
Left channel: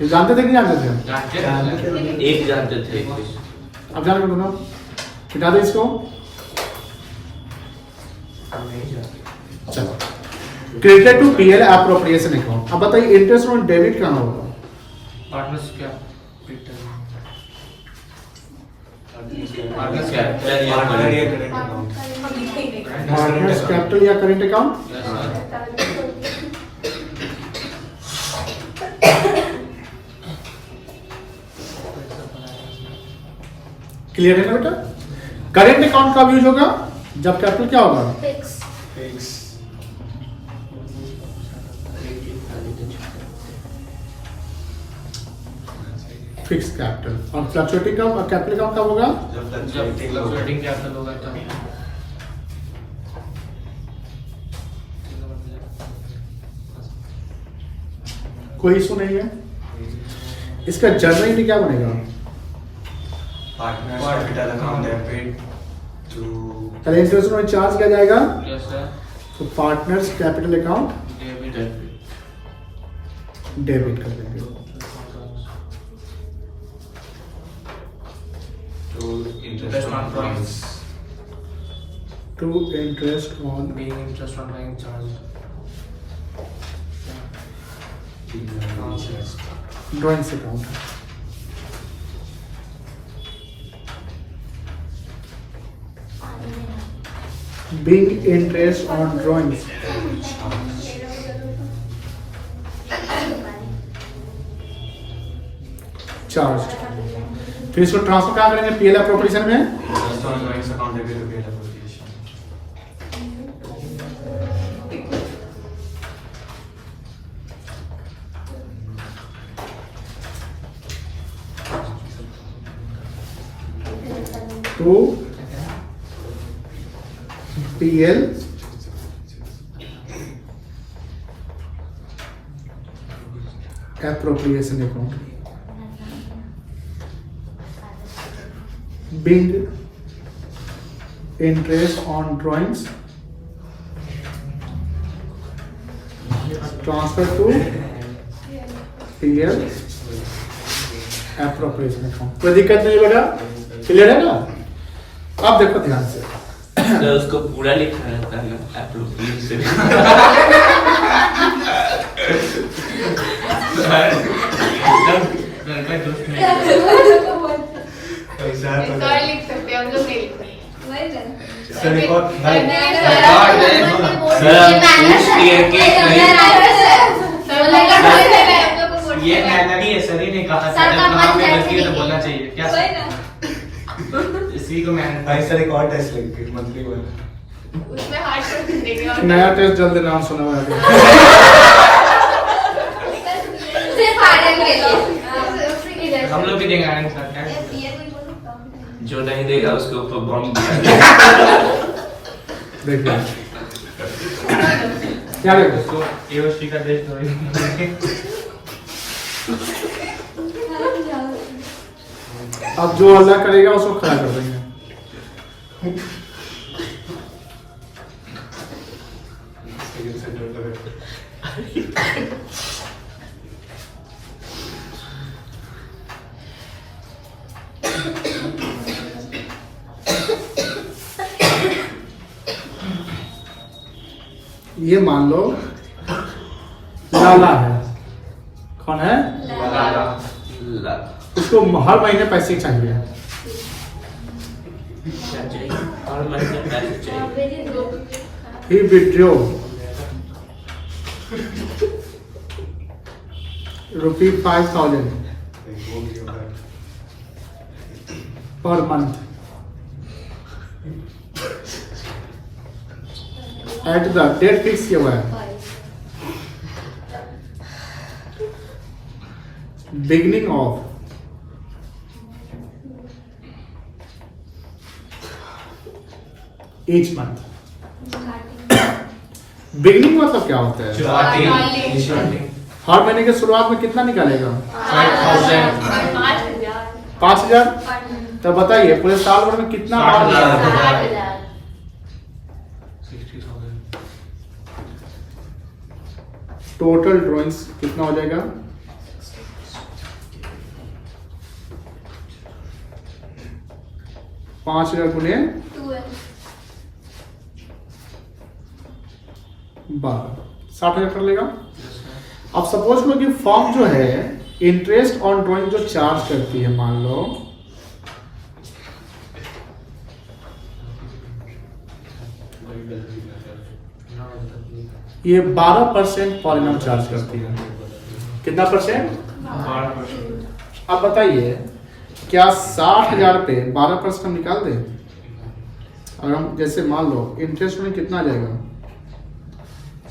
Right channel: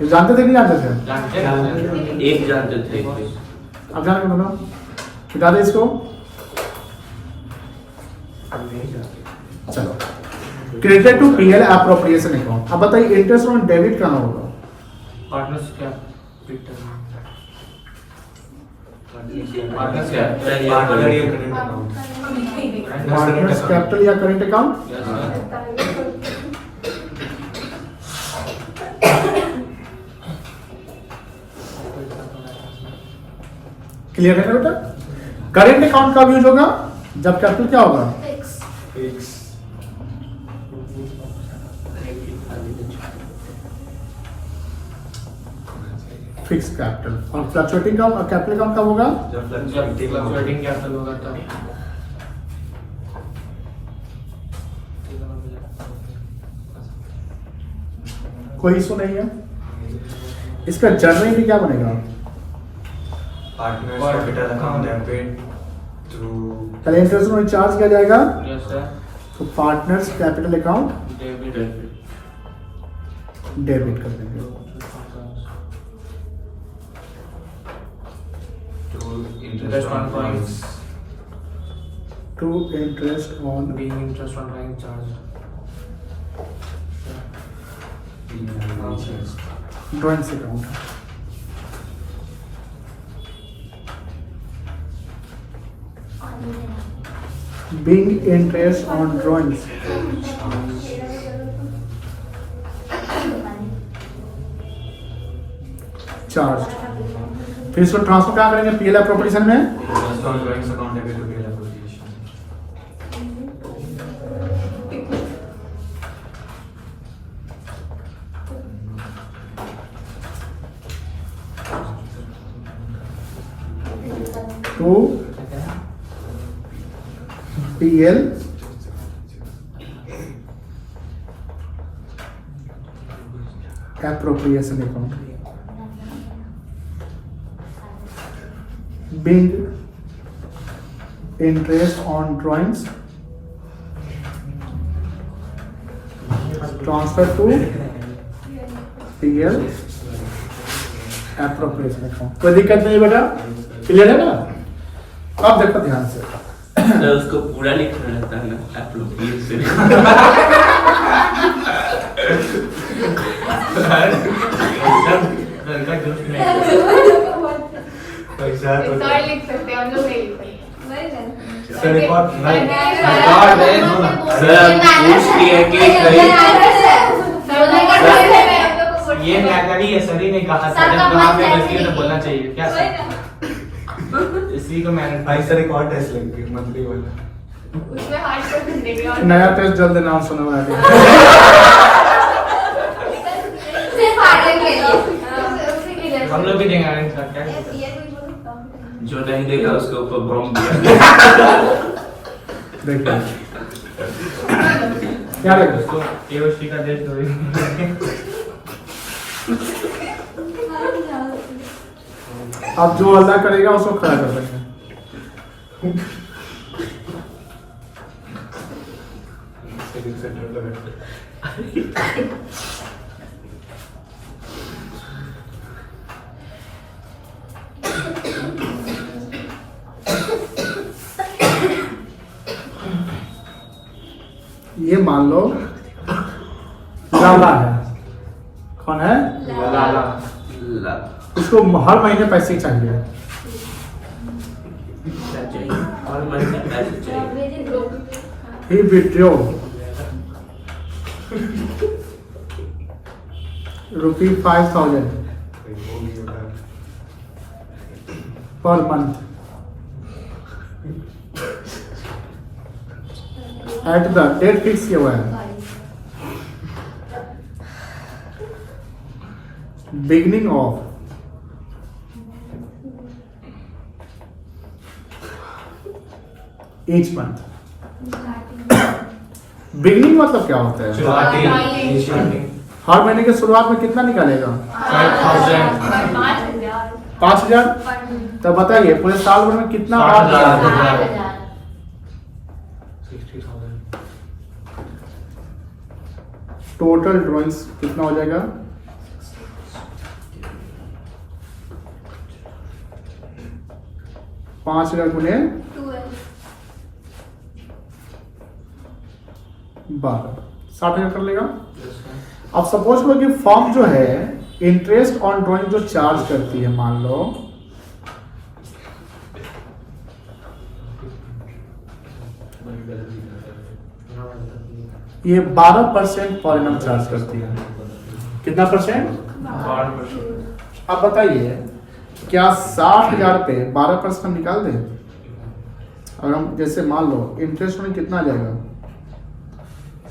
ये जानते थे कि नहीं जानते थे? जानते एक जानते थे। अब जान के बताओ, हटा दे इसको। चलो credited to PL appropriation account. अब बताइए इंटरेस्ट ऑन डेबिट कहाँ होगा? Partners capital partners partners capital या करेंट अकाउंट? क्लियर है ना बेटा? करेंट अकाउंट का यूज होगा जब कैपिटल क्या होगा? फिक्स। Fix capital. और फ्लक्चुएटिंग का कैपिटल अकाउंट कब होगा? फ्लक्चुएटिंग कैपिटल होगा तब। कोई इशू नहीं है। इसका जनरल में क्या बनेगा? Partners capital account debit to पहले इंटरेस्ट ऑन चार्ज किया जाएगा, यस सर। तो partners capital account debit debit कर देंगे। Interest on drawings to interest on being interest on drawing charge drawings account. Being interest on drawings charged। फिर इसको transfer कहाँ करेंगे? PL एप्रोप्रिएशन में। Drawings account debit to PL appropriation. To PL appropriation account being interest on drawings transfer to PL appropriation account। कोई दिक्कत नहीं है बेटा, क्लियर है ना? अब देखो ध्यान से, सर उसको पूरा लिखना रहता है ना एप्रोप्रिएशन। पैसा तो सर लिख सकते हैं, हम लोग नहीं लिख सकते। सर रिकॉर्ड नहीं रिकॉर्ड है। सर हम पूछ लिए कि ये मैनर ही है, सर ही ने कहा था जब वहाँ पे गलती है तो बोलना चाहिए क्या सर? इसी को मैंने भाई सर रिकॉर्ड टेस्ट लेंगे मंथली वन। उसमें हार्ड कर देंगे और नया टेस्ट जल्द अनाउंस होने वाला है। हम लोग भी देंगे आनंद सर क्या? जो नहीं देगा उसके ऊपर बम दिया। देखिए क्या देखो, उसको केओसी का देश थोड़ी। अब जो अल्लाह करेगा उसको खड़ा कर देंगे। ये मान लो लाला है, कौन है? लाला। ला उसको हर महीने पैसे चाहिए। क्या चाहिए? और महीने पैसे चाहिए। He withdraw ₹5,000 per month at the date fix किया हुआ है, beginning of each month। Beginning मतलब क्या होता है? हर महीने की शुरुआत में कितना निकालेगा? 5,000। तो बताइए पूरे साल भर में कितना बार निकालेगा? 60,000। टोटल ड्राइंग्स कितना हो जाएगा? 5,000 गुने 12, 60,000 कर लेगा। अब सपोज करो कि फॉर्म जो है इंटरेस्ट ऑन ड्राइंग जो चार्ज करती है, मान लो ये 12% पर एनम चार्ज करती है। कितना परसेंट? 12%। अब बताइए क्या 60,000 पे 12% हम निकाल दें? अगर हम जैसे मान लो इंटरेस्ट में कितना आ जाएगा?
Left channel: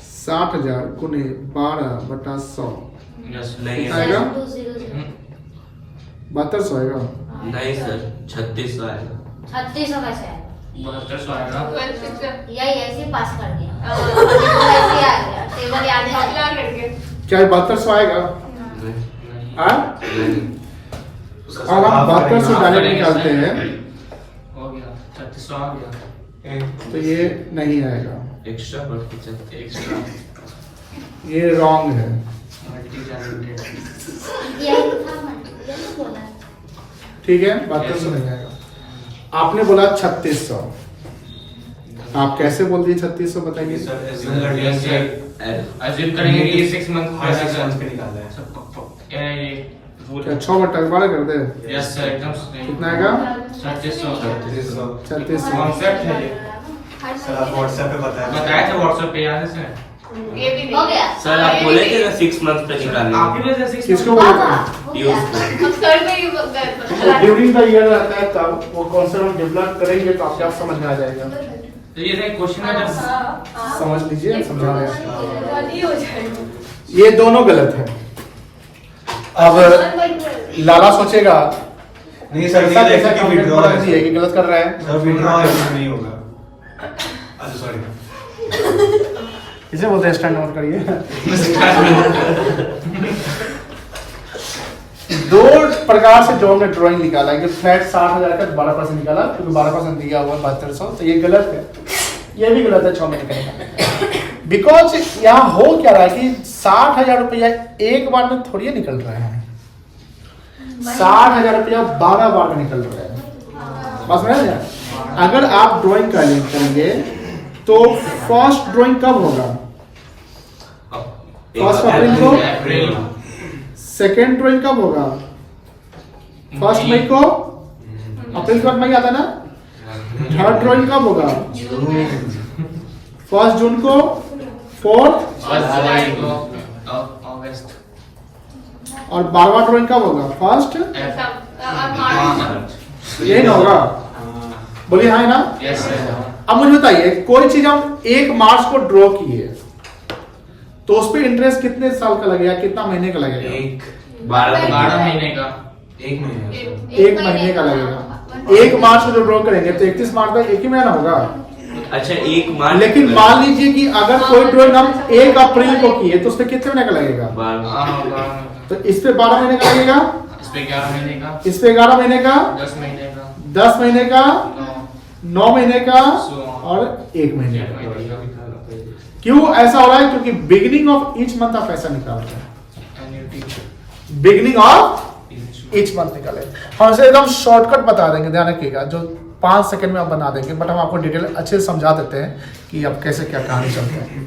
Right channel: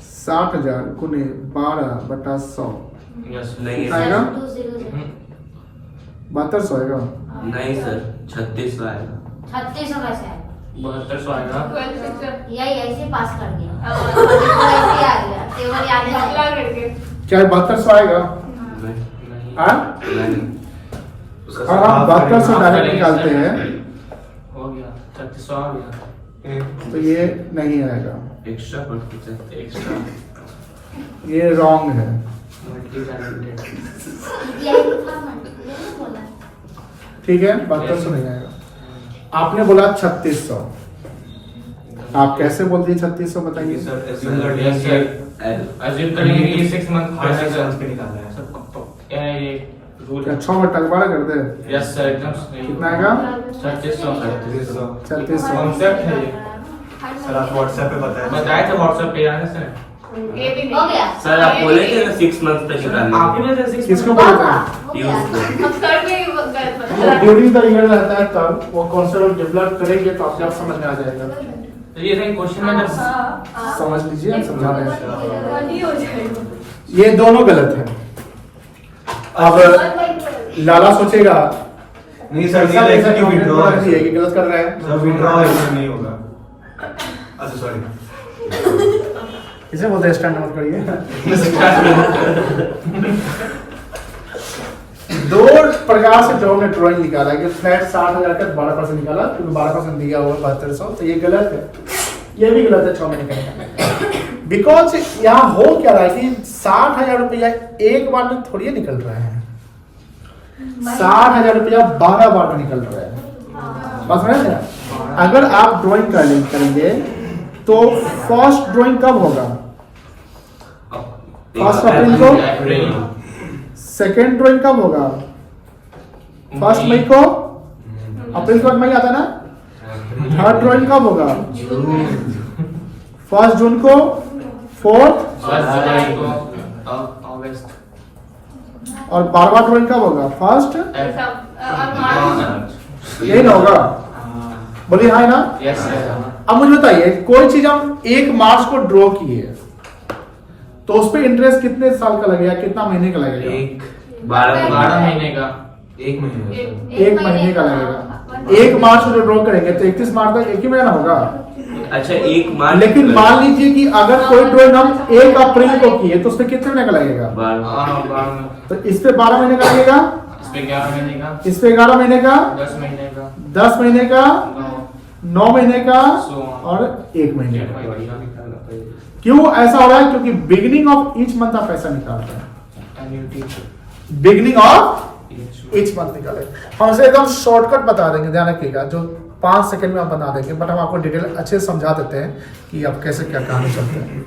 60,000 गुने 12/100 नहीं कितना आएगा? 7200 आएगा। नहीं सर 3600 आएगा। 3600 कैसे है? 7200 आएगा। यही ऐसे पास कर दिया। ऐसे आ गया, टेबल याद है। क्या 7200 आएगा? नहीं हाँ? नहीं और हम 7200 डायरेक्ट निकालते हैं हो गया 3600 आ गया। तो ये नहीं आएगा, एक्स्ट्रा पढ़ते चलते एक्स्ट्रा। ये रॉन्ग है। यही था मैंने, यही बोला। ठीक है, 7200 नहीं आएगा। आपने बोला 3600, आप कैसे बोल दिए 3600 बताइए? अजीब करेंगे कि ये 6 मंथ हाँ, 6 months पे निकालना है। सबको तो ये रूल क्या 6 बटा 12 कर दे? यस सर एकदम सही। कितना आएगा? 3600 3600। कॉन्सेप्ट है ये। सर आप व्हाट्सएप पे बताया बताए थे व्हाट्सएप पे याद है सर? ये भी हो गया। सर आप बोले थे ना 6 मंथ पे निकालने आप ही में से 6 किसको बोले थे? यूज को। कर नहीं बोलते हैं ड्यूरिंग द ईयर रहता है तब वो कॉन्सेप्ट डेवलप करेंगे तो आपको समझ में आ जाएगा। तो ये था क्वेश्चन में जब समझ लीजिए, समझा रहे हैं। हो जाएगा। ये दोनों गलत है। अब लाला सोचेगा नहीं सर ऐसा ये जैसा कि विड्रॉ कि गलत कर रहा है। सर विड्रॉ नहीं होगा। अच्छा सॉरी। इसे बोलते हैं स्टैंड नोट करिए। दो प्रकार से जो हमने ड्राइंग निकाला है कि फ्लैट 60,000 का 12% निकाला, क्योंकि 12% दिया हुआ 7200, तो ये गलत है, ये भी गलत है 6 महीने का निकालना। बिकॉज यहाँ हो क्या रहा है कि 60,000 रुपया एक बार में थोड़ी निकल रहा है, 60,000 रुपया 12 बार में निकल रहा है। बस समझ रहे हैं? अगर आप ड्राइंग करेंगे तो फर्स्ट ड्राइंग कब होगा? 1 अप्रैल को। सेकेंड ड्राइंग कब होगा? 1 मई को। अप्रैल के बाद मई आता है ना। थर्ड ड्राइंग कब होगा? 1 जून को। 4 जुलाई को, अगस्त। और 12वां ड्राइंग कब होगा? 1 यही ना होगा? बोलिए हाँ ना। यस। अब मुझे बताइए, कोई चीज हम 1 मार्च को ड्रॉ किए तो उस पे इंटरेस्ट कितने साल का लगेगा, कितना महीने का लगेगा? 12 महीने का। 1 महीने। 1 महीने का लगेगा। 1 मार्च को जो ड्रॉ करेंगे तो 31 मार्च तक एक ही महीना होगा। अच्छा 1 मार्च। लेकिन मान लीजिए कि अगर कोई ड्रॉइंग हम 1 अप्रैल को किए तो उस पे कितने महीने का लगेगा? 12। तो इस पे 12 महीने का लगेगा, इस पे 11 महीने का, इस पे 11 महीने का, 10 महीने का, 10 महीने का, 9 महीने का 16 और 1 महीने का। क्यों ऐसा हो रहा है? क्योंकि बिगिनिंग ऑफ ईच मंथ आप पैसा निकाल रहे हैं। बिगिनिंग ऑफ ईच मंथ निकाले। हम इसे एकदम शॉर्टकट बता देंगे, ध्यान रखिएगा, जो 5 सेकंड में हम बना देंगे, बट हम आपको डिटेल अच्छे से समझा देते हैं कि अब कैसे क्या कहानी चलते हैं।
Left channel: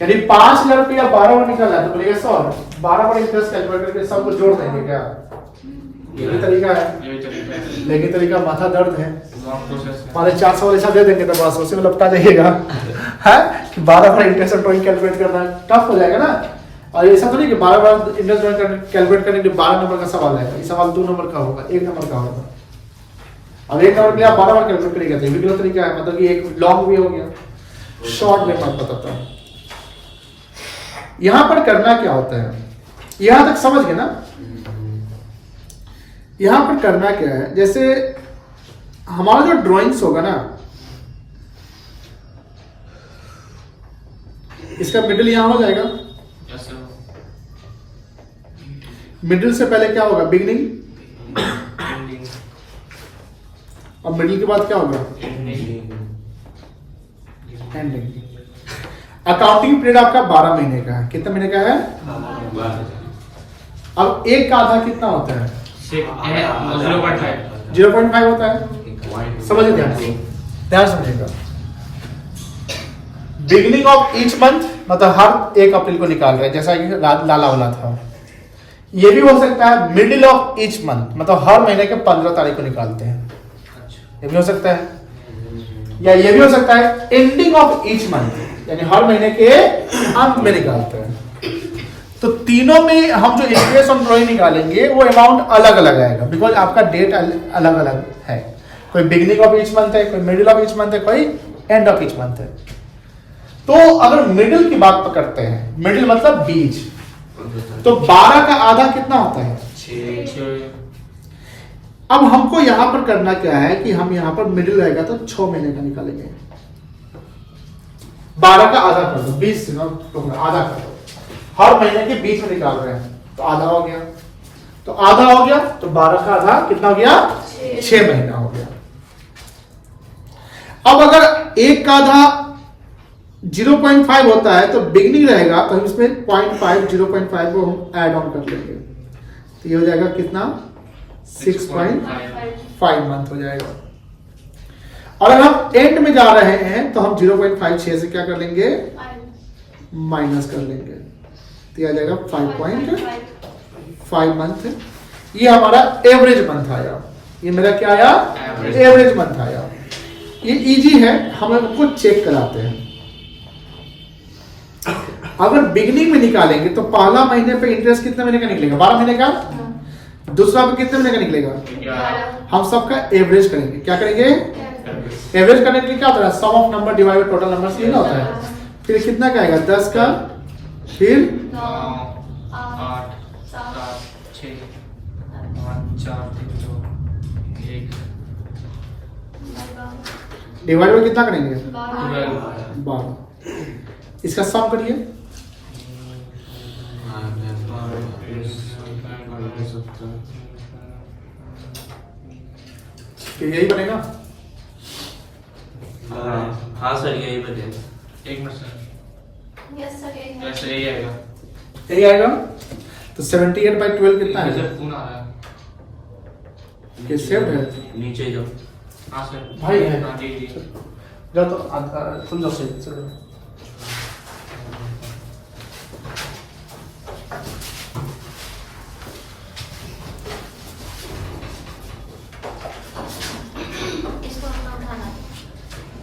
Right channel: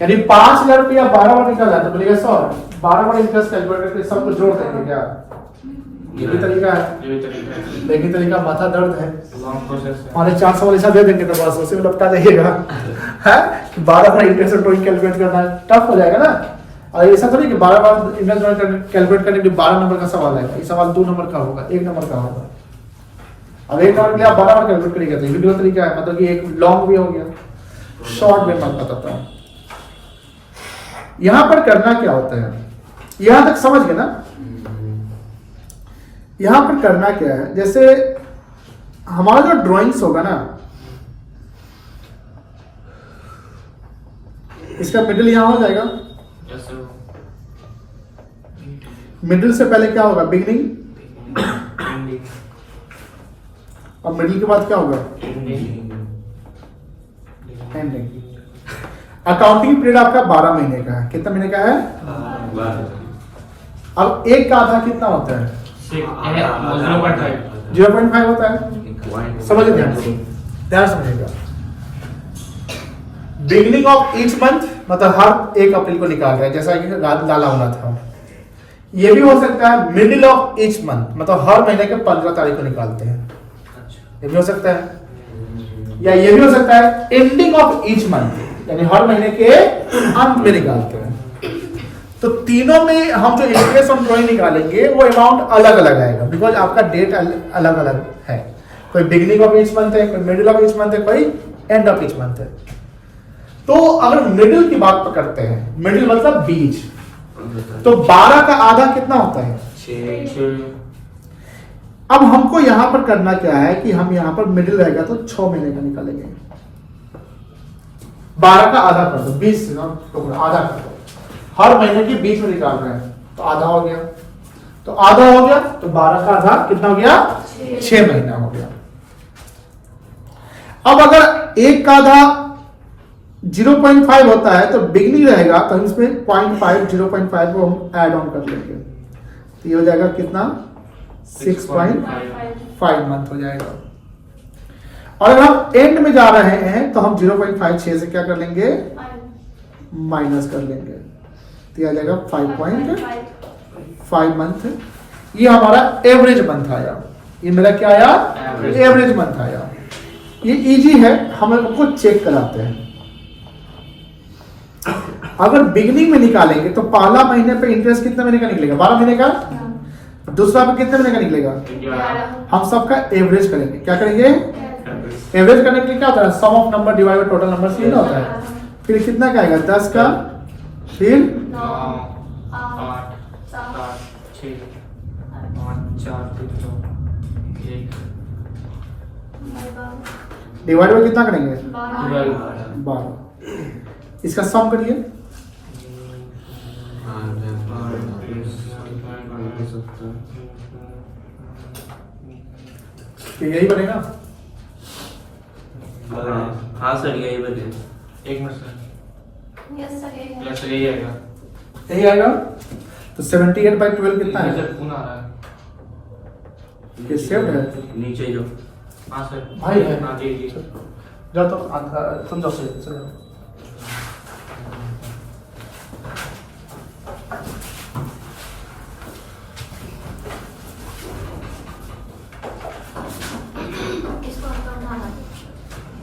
यानी 5,000 रुपया 12 बार निकल जाता है, बोलिएगा सर 12 बार इंटरेस्ट कैलकुलेट करके सब कुछ जोड़ देंगे क्या? ये भी तरीका है, लेकिन तरीका माथा दर्द है। लॉन्ग प्रोसेस है। 400 वाले दे देंगे तो बस उसी में लपटा जाइएगा है। 12 बार इंटरेस्ट ड्राइंग कैलकुलेट करना टफ हो जाएगा ना। और ऐसा तो नहीं कि 12 बार इंटरेस्ट ड्राइंग कैलकुलेट करने के लिए 12 नंबर का सवाल आएगा। ये सवाल 2 नंबर का होगा, 1 नंबर का होगा। अब 1 नंबर के लिए आप 12 बार कैलकुलेट करिएगा तो ये भी गलत तरीका है, मतलब कि एक लॉन्ग वे हो गया, शॉर्ट वे मत बताता है। यहां पर करना क्या होता है, यहां तक समझ गए ना? यहां पर करना क्या है, जैसे हमारा जो ड्राइंग्स होगा ना, इसका मिडिल यहां हो जाएगा। मिडिल से पहले क्या होगा? बिगिनिंग। और मिडिल के बाद क्या होगा? एंडिंग। अकाउंटिंग पीरियड आपका 12 महीने का है। कितना महीने का है? 12। अब एक का आधा कितना होता है? 0.5 होता है। समझिए, ध्यान से समझिएगा। बिगिनिंग ऑफ ईच मंथ मतलब हर 1 अप्रैल को निकाल रहे हैं, जैसा कि लाला वाला था। ये भी हो सकता है मिडिल ऑफ ईच मंथ, मतलब हर महीने के 15 तारीख को निकालते हैं, ये भी हो सकता है। या ये भी हो सकता है एंडिंग ऑफ ईच मंथ, यानी हर महीने के अंत में निकालते हैं। तो तीनों में हम जो इंटरेस्ट ऑन ड्राइंग निकालेंगे वो अमाउंट अलग अलग आएगा, बिकॉज आपका डेट अलग अलग है। कोई बिगिनिंग ऑफ ईच मंथ है, कोई मिडिल ऑफ ईच मंथ है, कोई एंड ऑफ ईच मंथ है। तो अगर मिडिल की बात पकड़ते हैं, मिडिल मतलब बीच, तो 12 का आधा कितना होता है? 6। अब हमको यहां पर करना क्या है कि हम यहां पर मिडिल रहेगा तो 6 महीने का निकालेंगे। 12 का आधा कर दो, 20 से आधा कर दो, हर महीने के बीच में निकाल रहे हैं तो आधा हो गया। तो आधा हो गया तो 12 का आधा कितना हो गया? 6 महीना हो गया। अब अगर 1 का आधा 0.5 होता है तो बिगनिंग रहेगा, तो हम इसमें 0.5 को हम ऐड ऑन कर लेंगे, तो ये हो जाएगा कितना? 6.5 मंथ हो जाएगा। और अगर हम एंड में जा रहे हैं तो हम 0.56 से क्या कर लेंगे? माइनस कर लेंगे, तो ये आ जाएगा 5.5 मंथ। ये हमारा एवरेज मंथ आया। ये मेरा क्या आया? एवरेज मंथ आया। ये इजी है, हम उनको चेक कराते हैं। अगर बिगनिंग में निकालेंगे तो पहला महीने पे इंटरेस्ट कितने महीने का निकलेगा? 12 महीने का। दूसरा पे कितने महीने का निकलेगा? हम सबका एवरेज करेंगे। क्या करेंगे? एवरेज करने के लिए क्या होता है? Sum of number divide by total number से होता है। फिर कितना क्या आएगा? 10 का, फिर 9, 8, 7, 6, 5, 4, 3, 2, 1। डिवाइड बाय कितना करेंगे? 12 12। इसका सम करिए। यही बनेगा। हाँ सर यही बने। एक मिनट सर, यस सर ऐसे यही आएगा। यही आएगा। तो 78/12 कितना है? सर पूरा आ रहा है। ये सेव्ड है। नीचे जो हाँ सर भाई है। हाँ जी जी। जा तो समझो से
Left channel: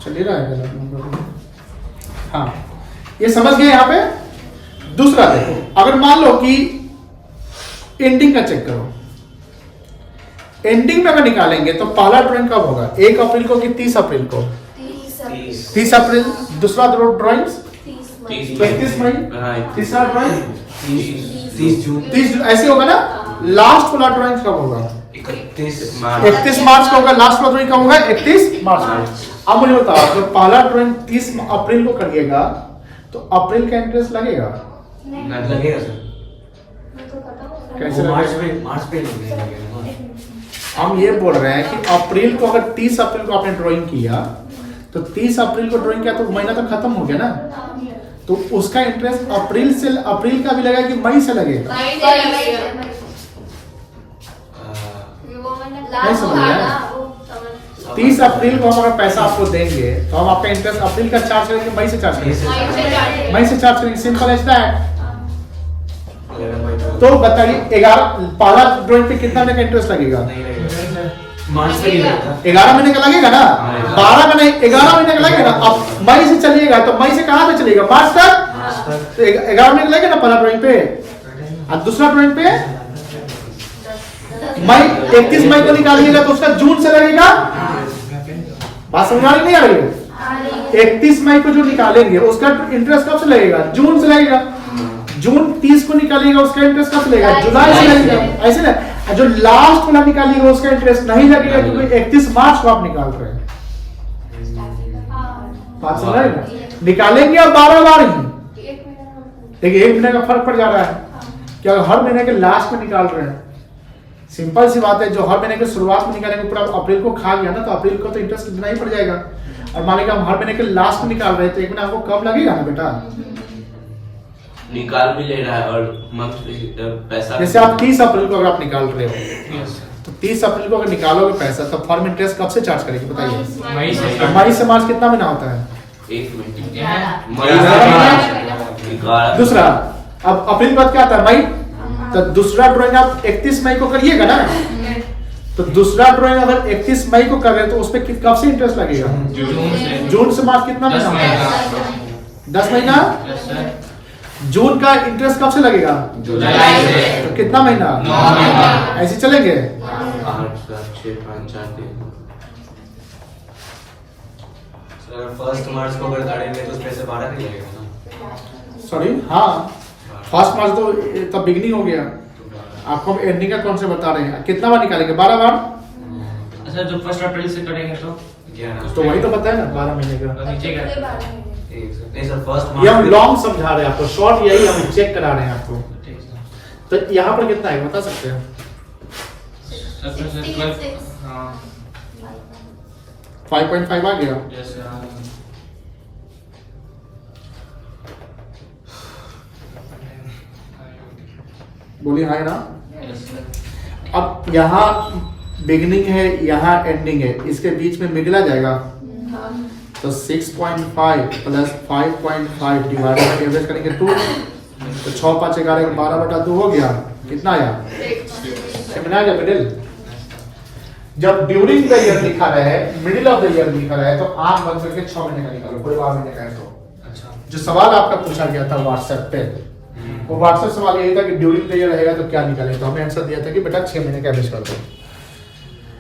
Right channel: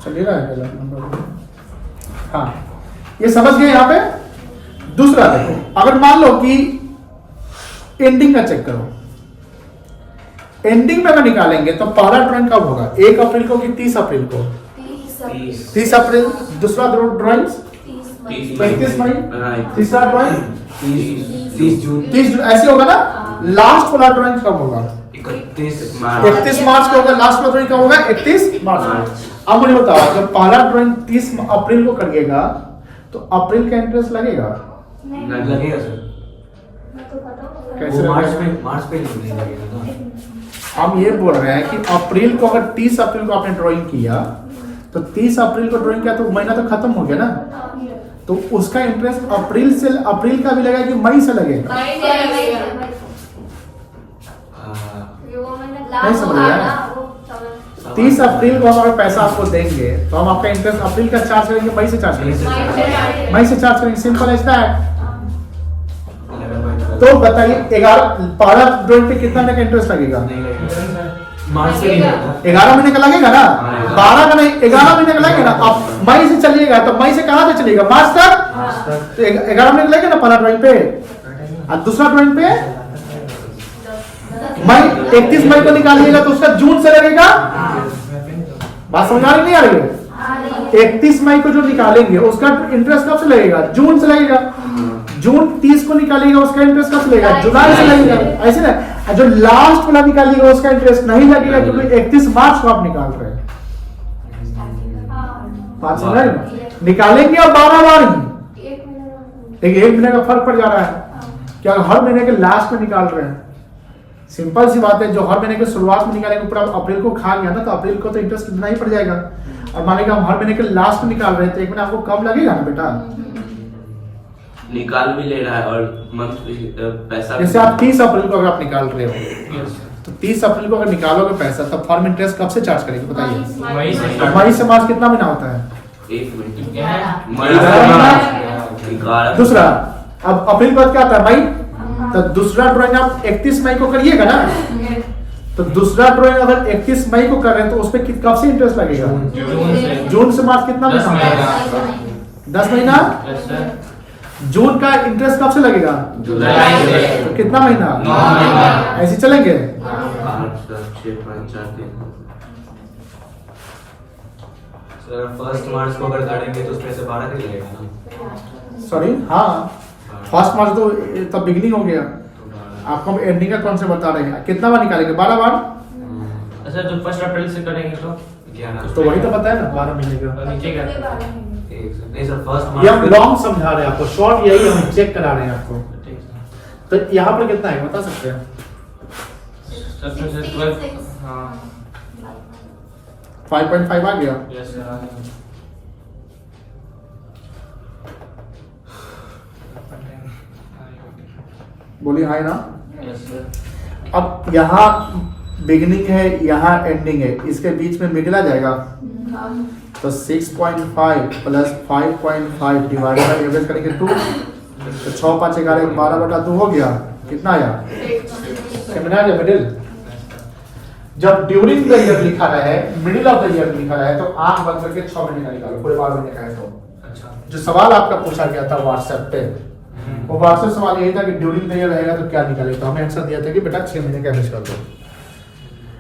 चलिए रहा है नंबर। हाँ ये समझ गए। यहाँ पे दूसरा देखो, अगर मान लो कि एंडिंग का चेक करो, एंडिंग में अगर निकालेंगे तो पहला ड्राइंग कब होगा? 1 अप्रैल को कि 30 अप्रैल को? 30 अप्रैल। दूसरा ड्राइंग 35 मई। तीसरा ड्राइंग 30 जून। 30 जून। ऐसे होगा ना। लास्ट वाला ड्राइंग कब होगा? 31 मार्च को होगा। लास्ट वाला ड्राइंग कब होगा? 31 मार्च। अब मुझे बताओ, जब पहला ड्राइंग 30 अप्रैल को करिएगा तो अप्रैल का इंटरेस्ट लगेगा? लगेगा सर। कैसे वो लगेगा? मार्च पे नहीं लगेगा। हम ये बोल रहे हैं कि अप्रैल को, अगर 30 अप्रैल को आपने ड्राइंग किया तो 30 अप्रैल को ड्राइंग किया तो महीना तो खत्म हो गया ना। तो उसका इंटरेस्ट अप्रैल का भी लगेगा कि मई से लगेगा? नहीं समझ रहे हैं? 30 अप्रैल को हम अगर पैसा आपको देंगे तो हम आपका इंटरेस्ट अप्रैल का चार्ज करेंगे, मई से चार्ज करेंगे? मई से चार्ज करेंगे। Simple as that. तो बताइए 11 ड्राइंग पे कितना महीने का इंटरेस्ट लगेगा? मार्च से नहीं लगेगा। 11 महीने का लगेगा ना। 12 का नहीं, 11 महीने का लगेगा ना। अब मई से चलिएगा तो मई से कहां पे चलिएगा? मार्च तक। तो 11 महीने का लगेगा ना पहला ड्राइंग पे। और दूसरा ड्राइंग पे मई 31 मई को निकालिएगा तो उसका जून से लगेगा। बात समझ आ रही नहीं आ रही है? 31 मई को जो निकालेंगे उसका इंटरेस्ट कब से लगेगा? जून से लगेगा। जून 30 को निकालिएगा उसका इंटरेस्ट कब से लगेगा? जुलाई से लगेगा। ऐसे ना। जो लास्ट वाला निकालिएगा उसका इंटरेस्ट नहीं लगेगा क्योंकि 31 मार्च को आप निकाल रहे हैं। बात समझ रहे हैं? निकालेंगे अब 12 बार ही, देखिए 1 महीने का फर्क पड़ जा रहा है। क्या हर महीने के लास्ट में निकाल रहे हैं? सिंपल सी बात है। जो हर महीने के शुरुआत में निकालेंगे पूरा अप्रैल को खा गया ना तो अप्रैल को तो इंटरेस्ट देना ही पड़ जाएगा। और मान लीजिए हम हर महीने के लास्ट में निकाल रहे हैं तो 1 महीना आपको कम लगेगा ना बेटा। निकाल भी ले रहा है और मंथ पैसा। जैसे आप 30 अप्रैल को अगर आप निकाल रहे हो तो 30 अप्रैल को अगर निकालोगे पैसा तो फॉर्म इंटरेस्ट कब से चार्ज करेगी बताइए? मई से। तो मई से मार्च कितना महीना होता है? 1 मिनट। यह मई से मार्च। दूसरा, अब अप्रैल बाद क्या आता है? मई। तो दूसरा ड्राइंग आप 31 मई को करिएगा ना। तो दूसरा ड्राइंग अगर 31 मई को कर रहे हैं तो उस पर कब से इंटरेस्ट लगेगा? जून से। जून से मार्च कितना महीना होता है? 10 महीना। Yes sir. जून का इंटरेस्ट कब से लगेगा? जुलाई से। तो कितना महीना? 9 महीना। ऐसे चलेंगे। 8 7 6 5 4 3। सर 1 मार्च को अगर करेंगे तो उसमें से 12 नहीं लगेगा ना। सॉरी, हाँ 1 मार्च तो तब बिगनिंग हो गया। आपको हम एंडिंग का कौन से बता रहे हैं? कितना बार निकालेंगे? 12 बार। सर जो 1 अप्रैल से करेंगे तो 11। तो वही तो बताया ना 12 महीने का। नीचे क्या? नहीं सर 1 ये हम मार्च लॉन्ग समझा रहे हैं आपको, शॉर्ट यही हम चेक करा रहे हैं आपको। ठीक है। तो यहाँ पर कितना है बता सकते हैं? सर 12। हाँ 5.5 आ गया। Yes sir. बोलिए हाय ना। Yes sir. अब यहाँ बिगिनिंग है, यहाँ एंडिंग है, इसके बीच में मिडिल आ जाएगा। तो 6.5 प्लस 5.5 डिवाइडेड बाय एवरेज करेंगे 2। तो 6 5 11 12/2 हो गया। कितना आया? कितना आ गया? मिडिल। जब ड्यूरिंग द ईयर लिखा है, मिडिल ऑफ द ईयर लिखा है तो आंख बंद करके 6 महीने का निकालो, पूरे 12 महीने का है तो। अच्छा। जो सवाल आपका पूछा गया था व्हाट्सएप पे, वो व्हाट्सएप सवाल यही था कि ड्यूरिंग द ईयर रहेगा तो क्या निकालेगा। तो हमें आंसर दिया था कि बेटा 6 महीने का एवरेज कर दो।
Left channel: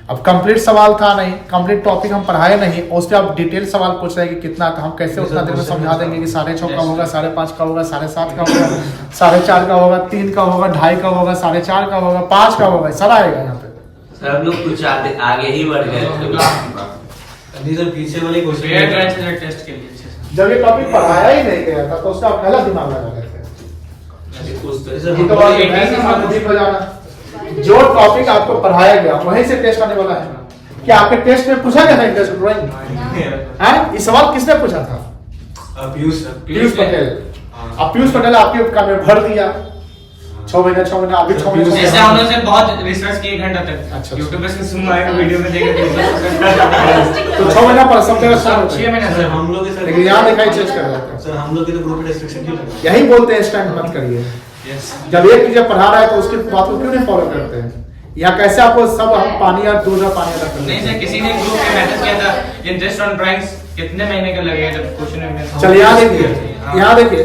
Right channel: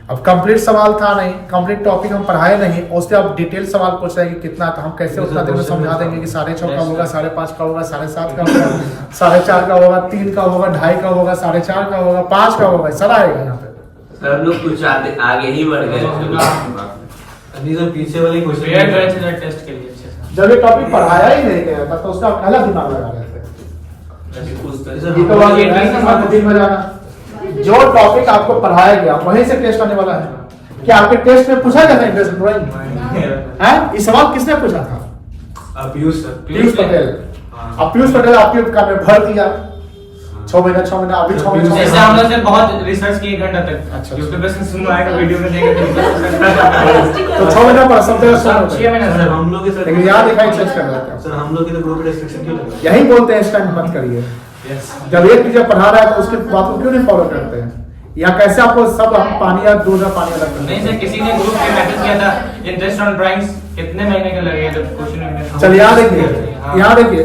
अब कंप्लीट सवाल था नहीं, कंप्लीट टॉपिक हम पढ़ाए नहीं, उस पर आप डिटेल सवाल पूछ रहे हैं कि कितना, तो हम कैसे उतना देर में समझा देंगे कि 6.5 का होगा, 5.5 का होगा, 7.5 का होगा, 4.5 का होगा, 3 का होगा, 2.5 का होगा, 4.5 का होगा, 5 का होगा, सारा आएगा यहाँ पे। सर हम लोग कुछ आगे ही बढ़ गए। नहीं सर पीछे वाले क्वेश्चन पेयर ड्राइव से टेस्ट के लिए अच्छे से। जब ये टॉपिक पढ़ाया ही नहीं गया था तो उसका पहला दिमाग लगा देते हैं। ये तो वाली ऐसा बात दिन में जाना जो टॉपिक आपको पढ़ाया गया वहीं से टेस्ट आने वाला है। क्या आपके टेस्ट में पूछा गया था इंटरेस्ट ड्राइंग है? ये सवाल किसने पूछा था? पीयूष पटेल। अब पीयूष पटेल आपके का में भर दिया 6 महीना अभी 6 महीने जैसे हम लोग से बहुत रिसर्च किए घंटा तक। अच्छा। YouTube पे सुनना आएगा वीडियो में देखेंगे तो 6 महीना पर सब जगह स्टार्ट 6 महीना सर सर हम लोग के सर लेकिन यहाँ दिखाई चेंज कर रहा था। सर हम लोग के तो ग्रुप में रेस्ट्रिक्शन क्यों लगा? यही बोलते हैं इस टाइम मत करिए। जब एक टीचर पढ़ा रहा है तो उसके बात को क्यों नहीं फॉलो करते हैं? या कैसे आपको सब हम पानी या दूध और पानी अलग नहीं सर किसी ने ग्रुप में मैसेज किया था इंटरेस्ट ऑन ड्राइंग्स कितने महीने के लगे जब क्वेश्चन। चल यहाँ देखिए, यहाँ देखिए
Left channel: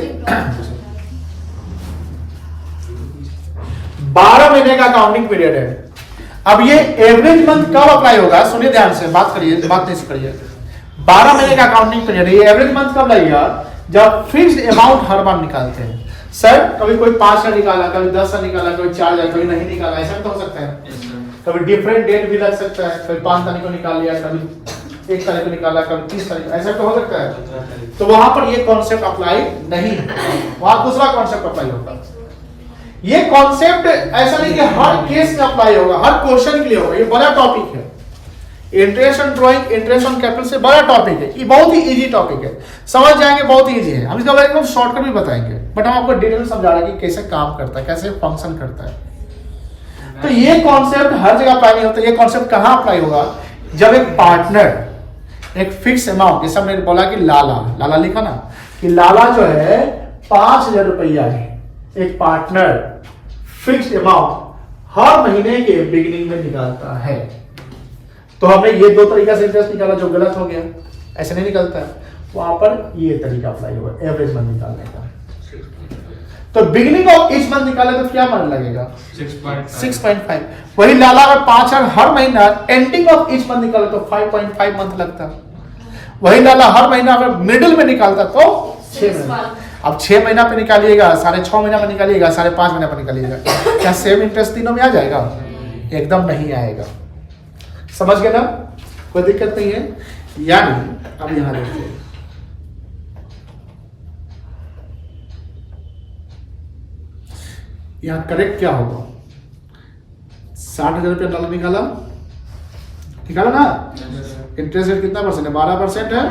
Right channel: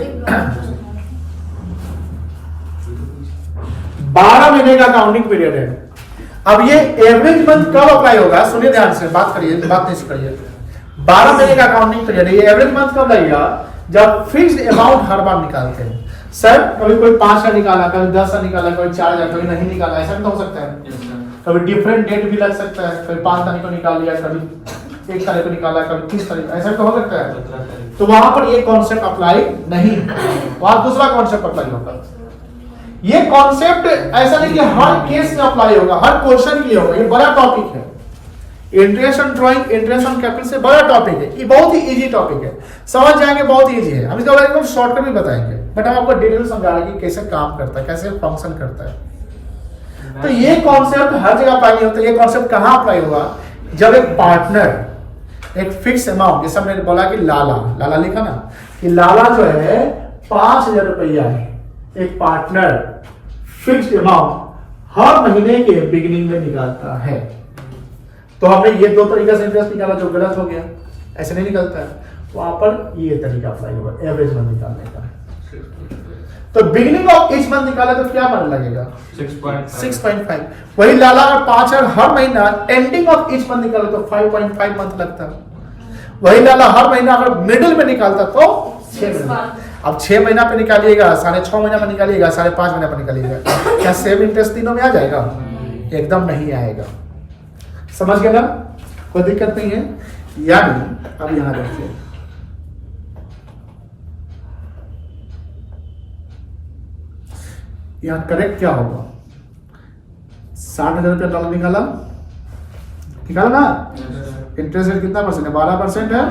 12 महीने का अकाउंटिंग पीरियड है। अब ये एवरेज मंथ कब अप्लाई होगा? सुनिए ध्यान से, बात करिए, बात नहीं करिए। 12 महीने का अकाउंटिंग पीरियड है, ये एवरेज मंथ कब लगेगा? जब फिक्स्ड अमाउंट हर बार निकालते हैं। सर कभी कोई 5,000 निकाला, कभी 10,000 निकाला, कभी 4,000, कभी नहीं निकाला, ऐसा तो हो सकता है। कभी डिफरेंट डेट भी लग सकता है, कभी 5 तारीख को निकाल लिया, कभी 1 तारीख को निकाला, कभी 30 तारीख, ऐसा तो हो सकता है। तो वहां पर ये कॉन्सेप्ट अप्लाई नहीं, वहां दूसरा कॉन्सेप्ट अप्लाई होगा। ये कॉन्सेप्ट ऐसा नहीं कि हर केस का अप्लाई होगा, हर क्वेश्चन के लिए होगा। ये बड़ा टॉपिक है। Interest on drawing, interest on capital से बड़ा टॉपिक है। ये बहुत ही इजी टॉपिक है, समझ जाएंगे, बहुत इजी है। हम इसका बारे में शॉर्टकट भी बताएंगे, बट हम आपको डिटेल में समझा रहे हैं कि कैसे काम करता है, कैसे फंक्शन करता है। तो ये कॉन्सेप्ट हर जगह अप्लाई नहीं होता। ये कॉन्सेप्ट कहां अप्लाई होगा? जब एक पार्टनर एक फिक्स अमाउंट, जैसे हमने बोला कि लाला लिखा ना कि लाला जो है 5,000 रुपया है, एक पार्टनर फिक्स्ड अमाउंट हर महीने के बिगिनिंग में निकालता है। तो हमने ये 2 तरीका से इंटरेस्ट निकाला जो गलत हो गया, ऐसे नहीं निकलता है। वहां पर ये तरीका अप्लाई होगा एवरेज मंथ निकालने का। तो बिगिनिंग ऑफ ईच मंथ निकाला तो क्या मन लगेगा? 6.5। वही लाला अगर 5,000 हर महीना एंडिंग ऑफ ईच मंथ निकाला तो 5.5 मंथ लगता। वही लाला हर महीना अगर मिडिल में निकालता तो 6 महीना। अब 6 महीना पे निकालिएगा, 6.5 महीना पे निकालिएगा, 5.5 महीना पे निकालिएगा, क्या सेम इंटरेस्ट तीनों में आ जाएगा? एकदम नहीं आएगा। समझ गए ना? कोई दिक्कत नहीं है। यानी अब यहां देखिए, यहां करेक्ट क्या होगा? 60,000 रुपया डॉलर निकाला ना? इंटरेस्ट रेट कितना परसेंट है? 12% है।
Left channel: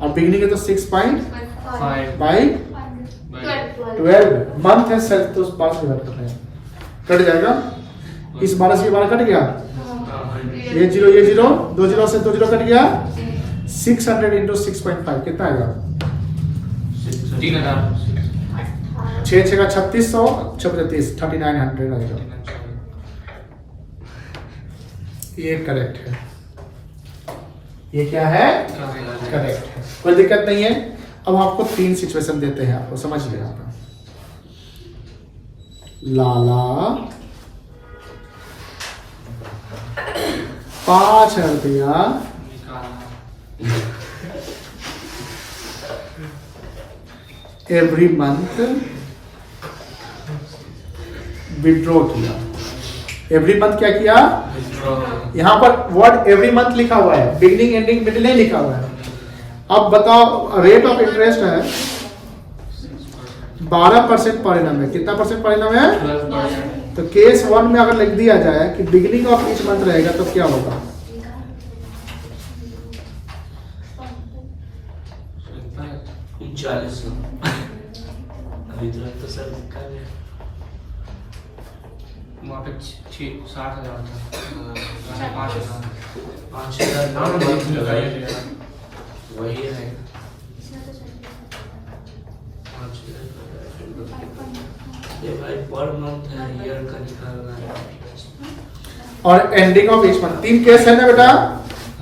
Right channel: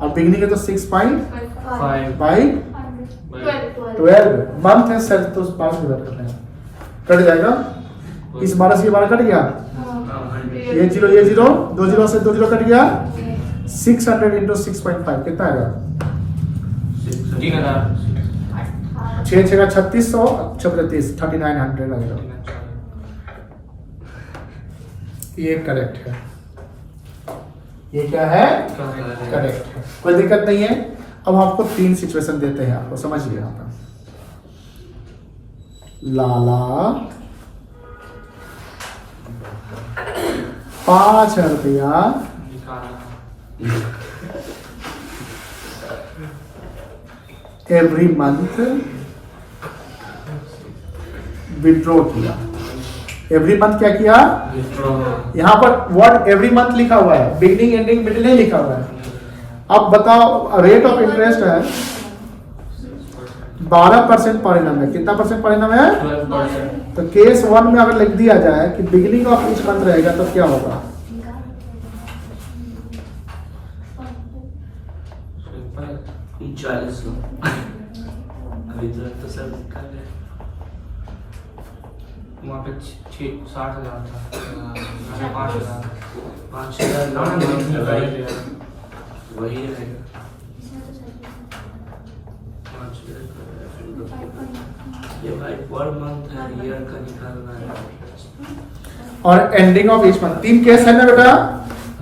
और बिगनिंग है तो 6.5 बाई 12 मंथ है सर, तो 5 डिवाइड करना है, कट जाएगा। इस 12 से 12 कट गया, ये 0 2 0 से 2 0 कट गया। 600 इंटू 6.5 कितना आएगा? 6 6 का 3600, 36 3900 आएगा। ये करेक्ट है। ये क्या है? करेक्ट है, कोई दिक्कत नहीं है। अब आपको 3 सिचुएशन देते हैं, आपको समझिए। यहाँ पे लाला 5,000 रुपया एवरी मंथ विड्रॉ किया। एवरी मंथ क्या किया? यहां पर वर्ड एवरी मंथ लिखा हुआ है, बिगिनिंग एंडिंग मिडिल नहीं लिखा हुआ है। अब बताओ, रेट ऑफ इंटरेस्ट है 12% पर एनम है। कितना परसेंट पर एनम है? 12%। तो केस 1 में अगर लिख दिया जाए कि बिगिनिंग ऑफ ईच मंथ रहेगा तो क्या होगा? 40 अभी तो सर लिखा गया वहाँ पे 60,000 था, 5,000 ना वही रहेगा। 5,000 ये भाई पर मंथ है, ईयर का निकालना है। और ending of each month 3 case है ना बेटा?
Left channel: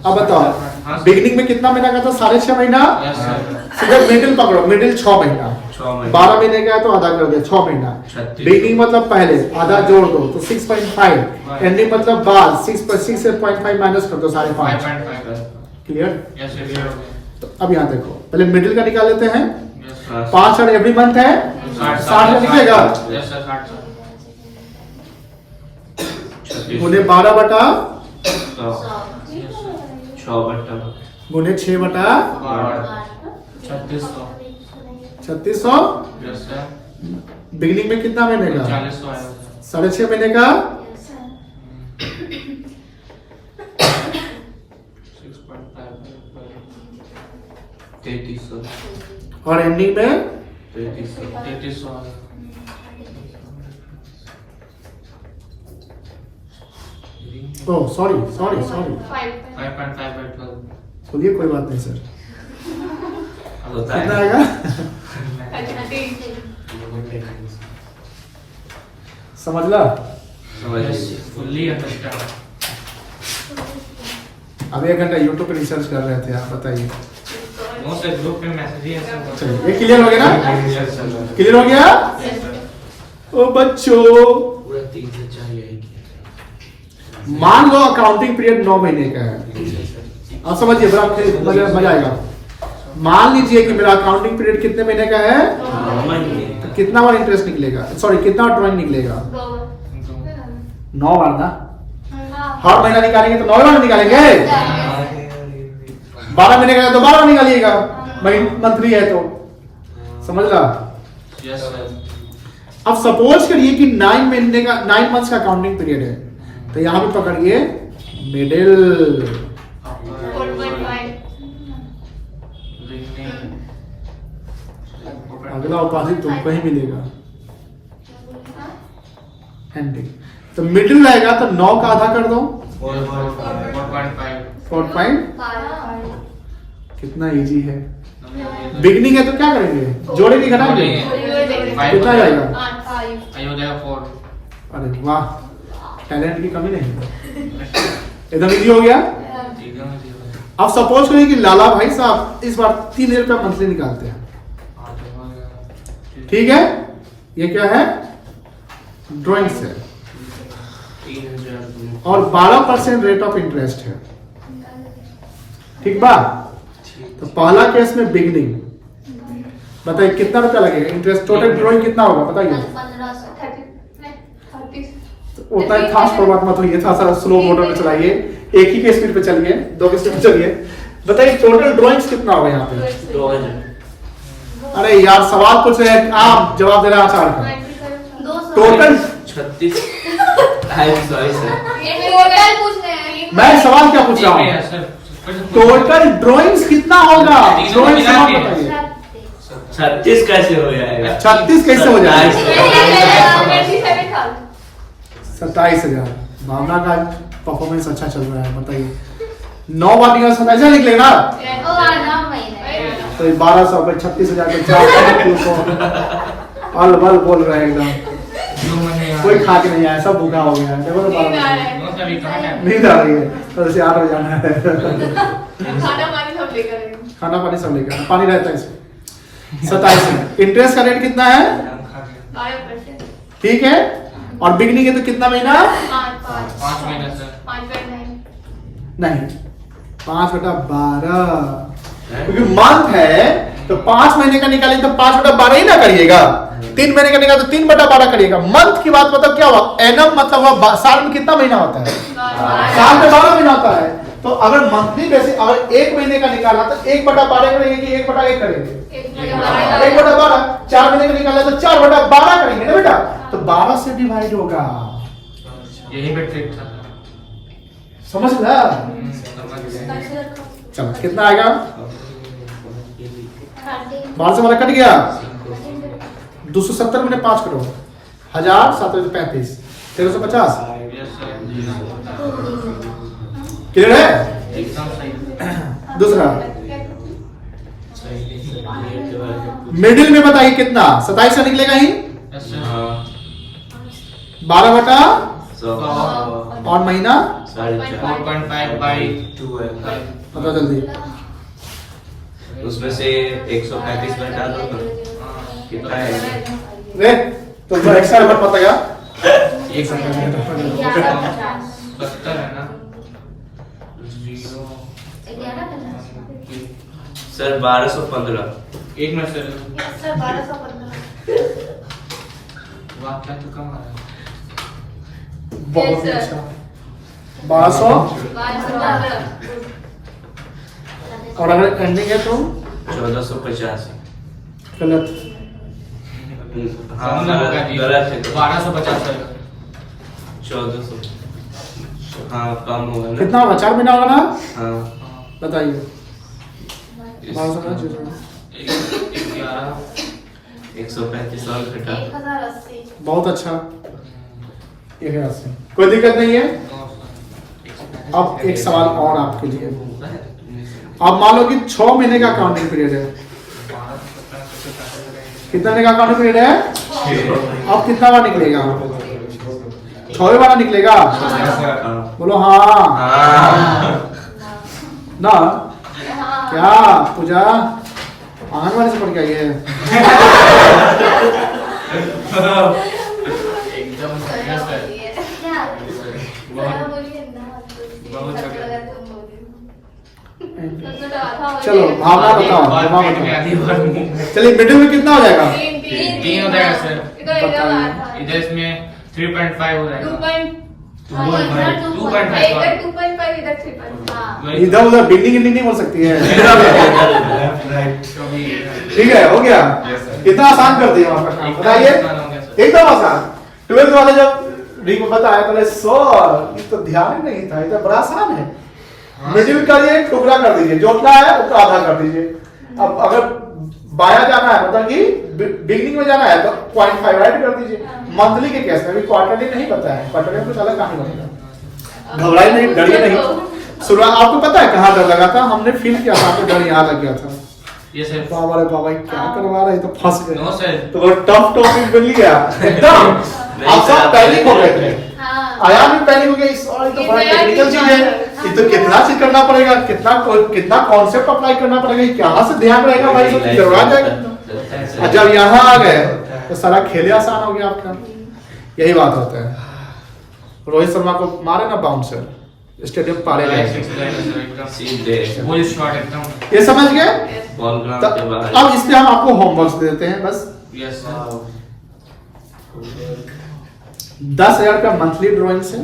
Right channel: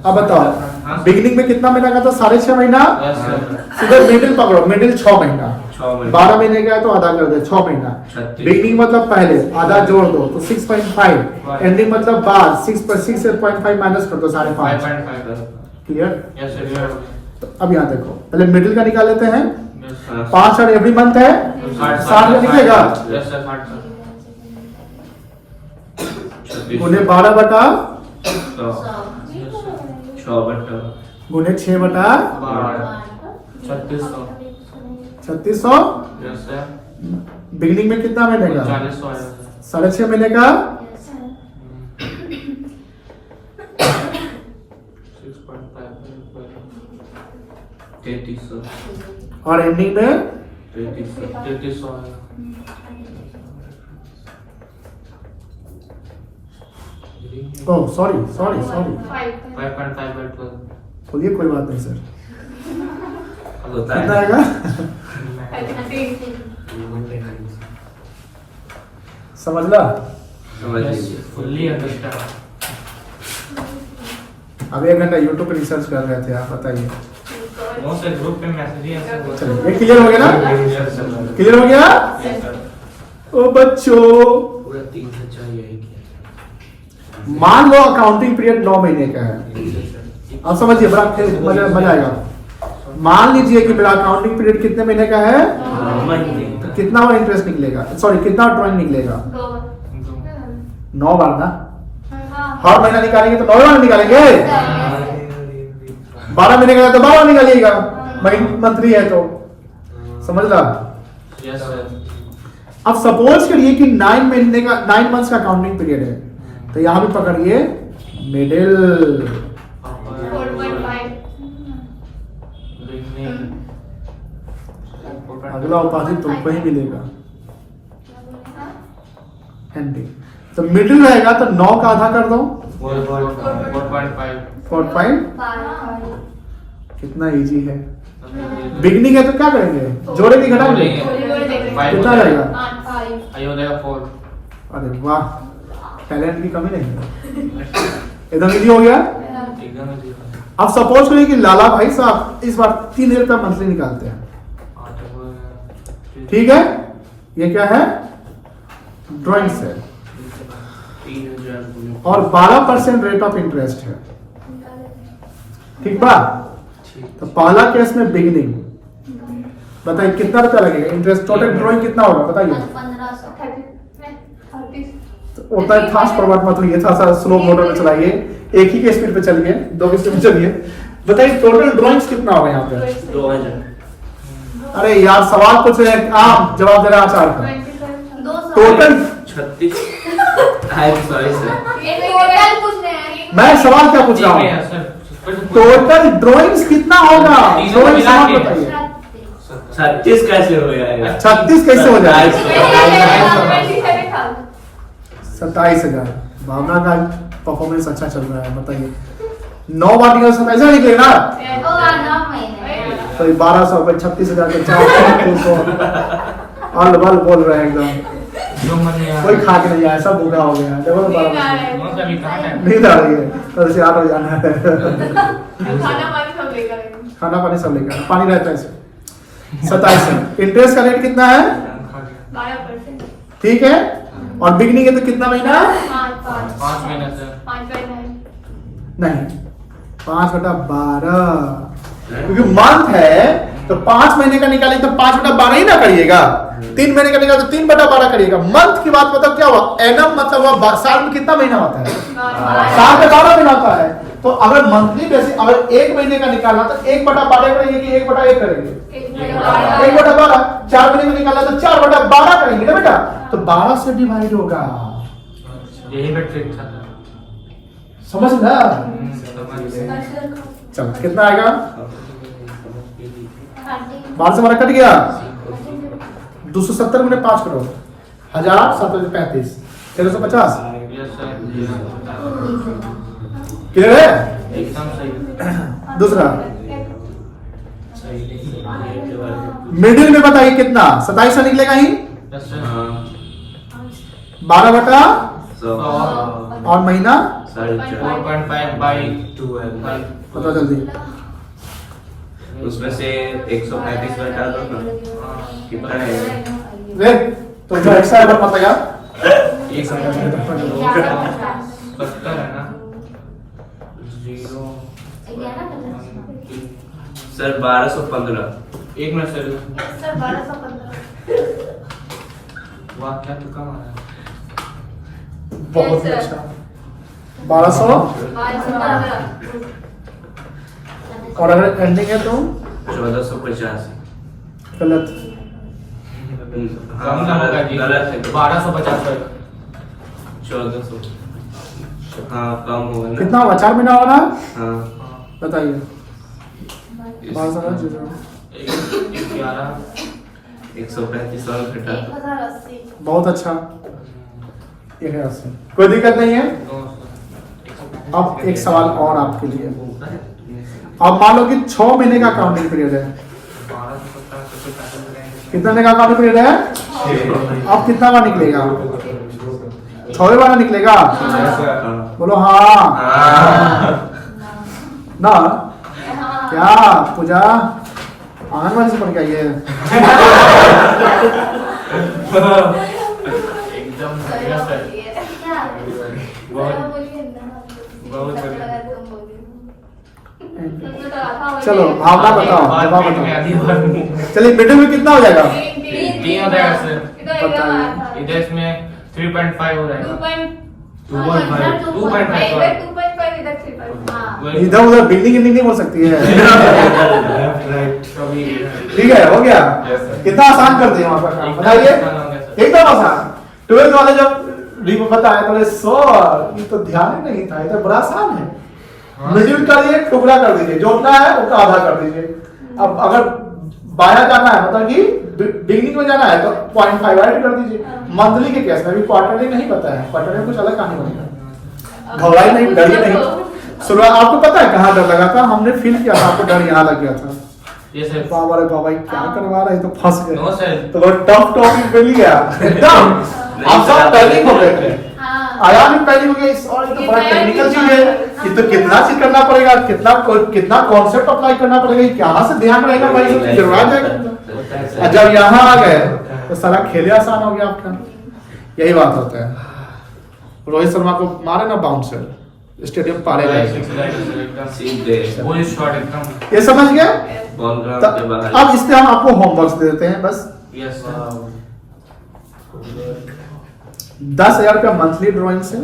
अब बताओ, बिगिनिंग में कितना महीना का था? 6.5 महीना। सीधे मिडिल पकड़ो, मिडिल 6 महीना। 12 महीने का है तो आधा कर दे, 6 महीना। बिगिनिंग मतलब पहले, आधा जोड़ दो तो 6.5। एंडिंग मतलब बाद, 6.5 माइनस कर दो 5.5। क्लियर? तो अब यहाँ देखो, पहले मिडिल का निकाल लेते हैं। 5 और एवरी मंथ है 60 का निकलेगा। उन्हें 12 बटा 6 बटा गुने 6 बटा 3600 3600। यस सर बिगिनिंग में कितना महीने का? 4000 आया सर 6.5 महीने का। 3300 और एंडिंग में 3300 आया oh sorry sorry sorry, 5.5 by 12 बोलिए कोई बात नहीं सर। होता कितना है। आएगा? समझला? समझ लीजिए। Fully understand. अब 1 घंटा यूट्यूब पे रिसर्च कर रहे थे आप, बताइए। वो सर ग्रुप में मैसेज ही ऐसे होता है। चलिए ये क्लियर हो गया ना? क्लियर हो गया? ओ बच्चों, पूरा 3 से चाहिए। मान लो अकाउंटिंग पीरियड 9 महीने का है। अब समझिए, बड़ा मजा आएगा। मान लीजिए कि मेरा अकाउंटिंग पीरियड कितने महीने का है, तो कितना बार इंटरेस्ट निकलेगा, सॉरी कितना ड्रॉइंग निकलेगा? 9 बार ना। हर महीना निकालेंगे तो 9 बार निकालेंगे। 12 महीने का है तो 12 बार निकालिएगा, मंथली है तो। समझ ला? Yes sir. अब सपोज करिए कि 9 महीने का 9 मंथ्स का अकाउंटिंग पीरियड है, तो यहां भी पकड़िए मिडिल। 4.5 अगला उपाधि तुमको ही मिलेगा, एंडिंग। तो मिडिल रहेगा तो 9 का आधा कर दो, 4.5 4.5। कितना इजी है। बिगनिंग है तो क्या करेंगे, जोड़ेंगे घटाएंगे, कितना जाएगा? 5 आयो जाएगा 4 अरे वाह, टैलेंट की कमी नहीं है, एकदम इजी हो गया। एकदम इजी है। अब सपोज करिए कि लाला भाई साहब इस बार 3000 रुपया मंथली निकालते हैं, ठीक है? ये क्या है? ड्राइंग से, 3000 और 12% रेट ऑफ इंटरेस्ट है, ठीक बा? तो पहला केस में बिगिनिंग, बताइए कितना रुपया लगेगा इंटरेस्ट? टोटल ड्राइंग कितना होगा बताइए? 1500 उतना फास्ट फॉरवर्ड मत होइए, थोड़ा सा स्लो मोटर में चलाइए, एक ही के स्पीड पे चलिए, 2 के स्पीड पे चलिए। बताइए टोटल ड्राइंग्स कितना होगा यहाँ पे? 2000। अरे यार सवाल पूछ रहे हैं, आप जवाब दे रहे हैं आचार का। 200। टोटल 36। Sorry sir. टोटल पूछ रहे हैं। मैं सवाल क्या पूछ रहा नहीं हूँ? है सर। टोटल ड्राइंग्स कितना होगा? तीनों ड्राइंग मिला सवाल के। बताइए। 36 कैसे हो जाएगा? 36 कैसे हो जाएगा? 27,000 27,000। भावना का परफॉर्मेंस अच्छा चल रहा है, बताइए 9 बार निकल 27 निकलेगा ना? ओ 9 महीने। तो 1200 पे 36,000 पे 400 अल बल बोल रहे हैं एकदम। जो मन में कोई खा के नहीं आया, सब भूखा हो गया। देखो तो 12 वो सभी कहाँ है? नींद आ रही है, कल से 8 बजे जाना है। खाना पानी सब लेकर आएंगे। खाना पानी सब लेकर, पानी रहता है इसमें। 27 है। इंटरेस्ट का रेट कितना है? 12%। ठीक है। और बिगनिंग है तो कितना महीना? 5 महीने से 5.9 नहीं, 5/12, क्योंकि मंथ है तो 5 महीने का निकालेंगे तो 5/12 ही ना करिएगा। 3 महीने का निकाले तो 3/12 करिएगा। मंथ की बात मतलब क्या हुआ? एनम मतलब हुआ साल में कितना महीना होता है? साल में 12 महीना होता है। तो अगर मंथली जैसे अगर 1 महीने का निकाला तो 1/12 करेंगे कि 1/1 करेंगे? 1/12। 4 महीने का निकाला तो 4/12 करेंगे ना बेटा? तो 12 से डिवाइड होगा, यही पे ट्रिक था। समझ गया? समझ गए। चलो कितना आएगा? 12 से 12 कट गया। 270 में 5 करो, 1000 735 1350। Yes sir. क्लियर है? एकदम सही। दूसरा मिडिल में बताइए कितना? 27 से निकलेगा ही। Yes sir. 12/100 और महीना 4.5 4.5 by 12। बताओ जल्दी। उसमें से 135 घटा दो ना, कितना है? रे तो जो एक्स्ट्रा अमाउंट बताया 1 70 है ना? 0 सर 1215। 1 minute sir. सर 1215। वाह क्या तो कम आ रहा है। बहुत Yes, sir. अच्छा। 1200 1212 और अगर एंडिंग है तो 1485। गलत। हाँ कम ना होगा जी। गलत है। 1250 है। 1400। हाँ कम होगा ना। कितना होगा? 4 महीना होगा ना? हाँ बताइए। इस- 135 और घटा। 1080। बहुत अच्छा। 1080। कोई दिक्कत नहीं है। अब एक सवाल और आपके लिए। अब मान लो कि 6 महीने का काउंटिंग पीरियड है। कितने महीने का काउंटिंग पीरियड है? अब कितना बार निकलेगा? 6 बार निकलेगा। हाँ। बोलो हाँ हाँ। ना। क्या पूजा आंगनबाड़ी से पढ़ के आई है? एकदम serious है। क्या? बहुत- बोलिए ना। बहुत बढ़िया। चलो भावना बताओ, बात जवाब पेट में बताओ। आती है और मुंह में। चलिए मिडिल में कितना हो जाएगा? 3 हो जाएगा सर। बताइए। इधर इसमें 3.5 हो जाएगा। 2.5 हाँ। इधर उधर बिल्डिंग नहीं बोल सकती है। कभी ठीक है, हो गया। Yes, sir. कितना आसान कर दिया वहाँ पर काम, बताइए। आसान हो गया, सर। एकदम आसान। 12th वाले जब रिंग बताया बोले सर ये तो ध्यान ही नहीं था, ये तो बड़ा आसान है। मिडिल का ये टुकड़ा कर दीजिए, जो उतना है उसका आधा कर दीजिए। अब अगर बाया जाना है मतलब कि बिगिनिंग में जाना है तो 0.5 ऐड कर दीजिए। मंथली के केस में भी क्वार्टरली नहीं पता है, क्वार्टरली कुछ अलग कहानी बनेगा। घबराई नहीं, डरिए नहीं। शुरुआत आपको पता है कहाँ डर लगा था? हमने फील किया था, आपको डर यहाँ लग गया था। ये सर। बाबा रे बाबा क्या करवा रहे, तो फंस गए। No sir. तो वो टफ टॉपिक मिल गया एकदम। आप सब पैनिक हो गए थे। हाँ। आया भी पैनिक हो गया, इस और तो बड़ा टेक्निकल चीज है कि तो कितना चीज करना पड़ेगा, कितना कॉन्सेप्ट अप्लाई करना पड़ेगा, कहाँ से ध्यान रहेगा भाई, तो करवा जाएगा। और जब यहाँ आ गए तो सारा खेले आसान हो गया आपका। यही बात होता है। रोहित शर्मा को मारे ना बाउंसर, स्टेडियम पारे जाएगा। सीधे फुल शॉट एकदम। ये समझ गए? बॉल ग्राउंड के बाहर। अब इस पे हम आपको होमवर्क दे देते हैं बस। Yes sir. 10,000 रुपया मंथली ड्रॉइंग से।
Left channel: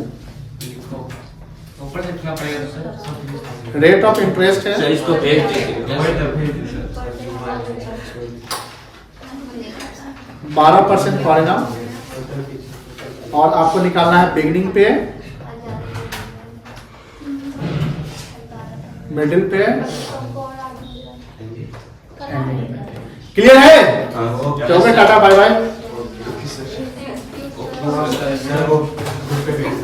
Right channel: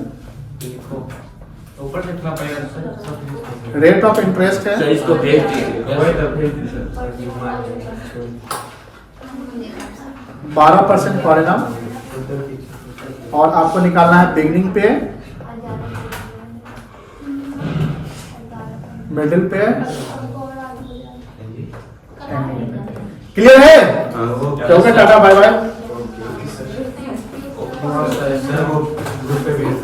ऊपर देखना पड़ेगा सर। रेट ऑफ इंटरेस्ट है सर इसको भेज दीजिए। 12% पर एनम। और आपको निकालना है बिगनिंग पे, मिडिल पे, क्लियर है? हाँ चलो टाटा बाय बाय। सर वो ग्रुप पे भेज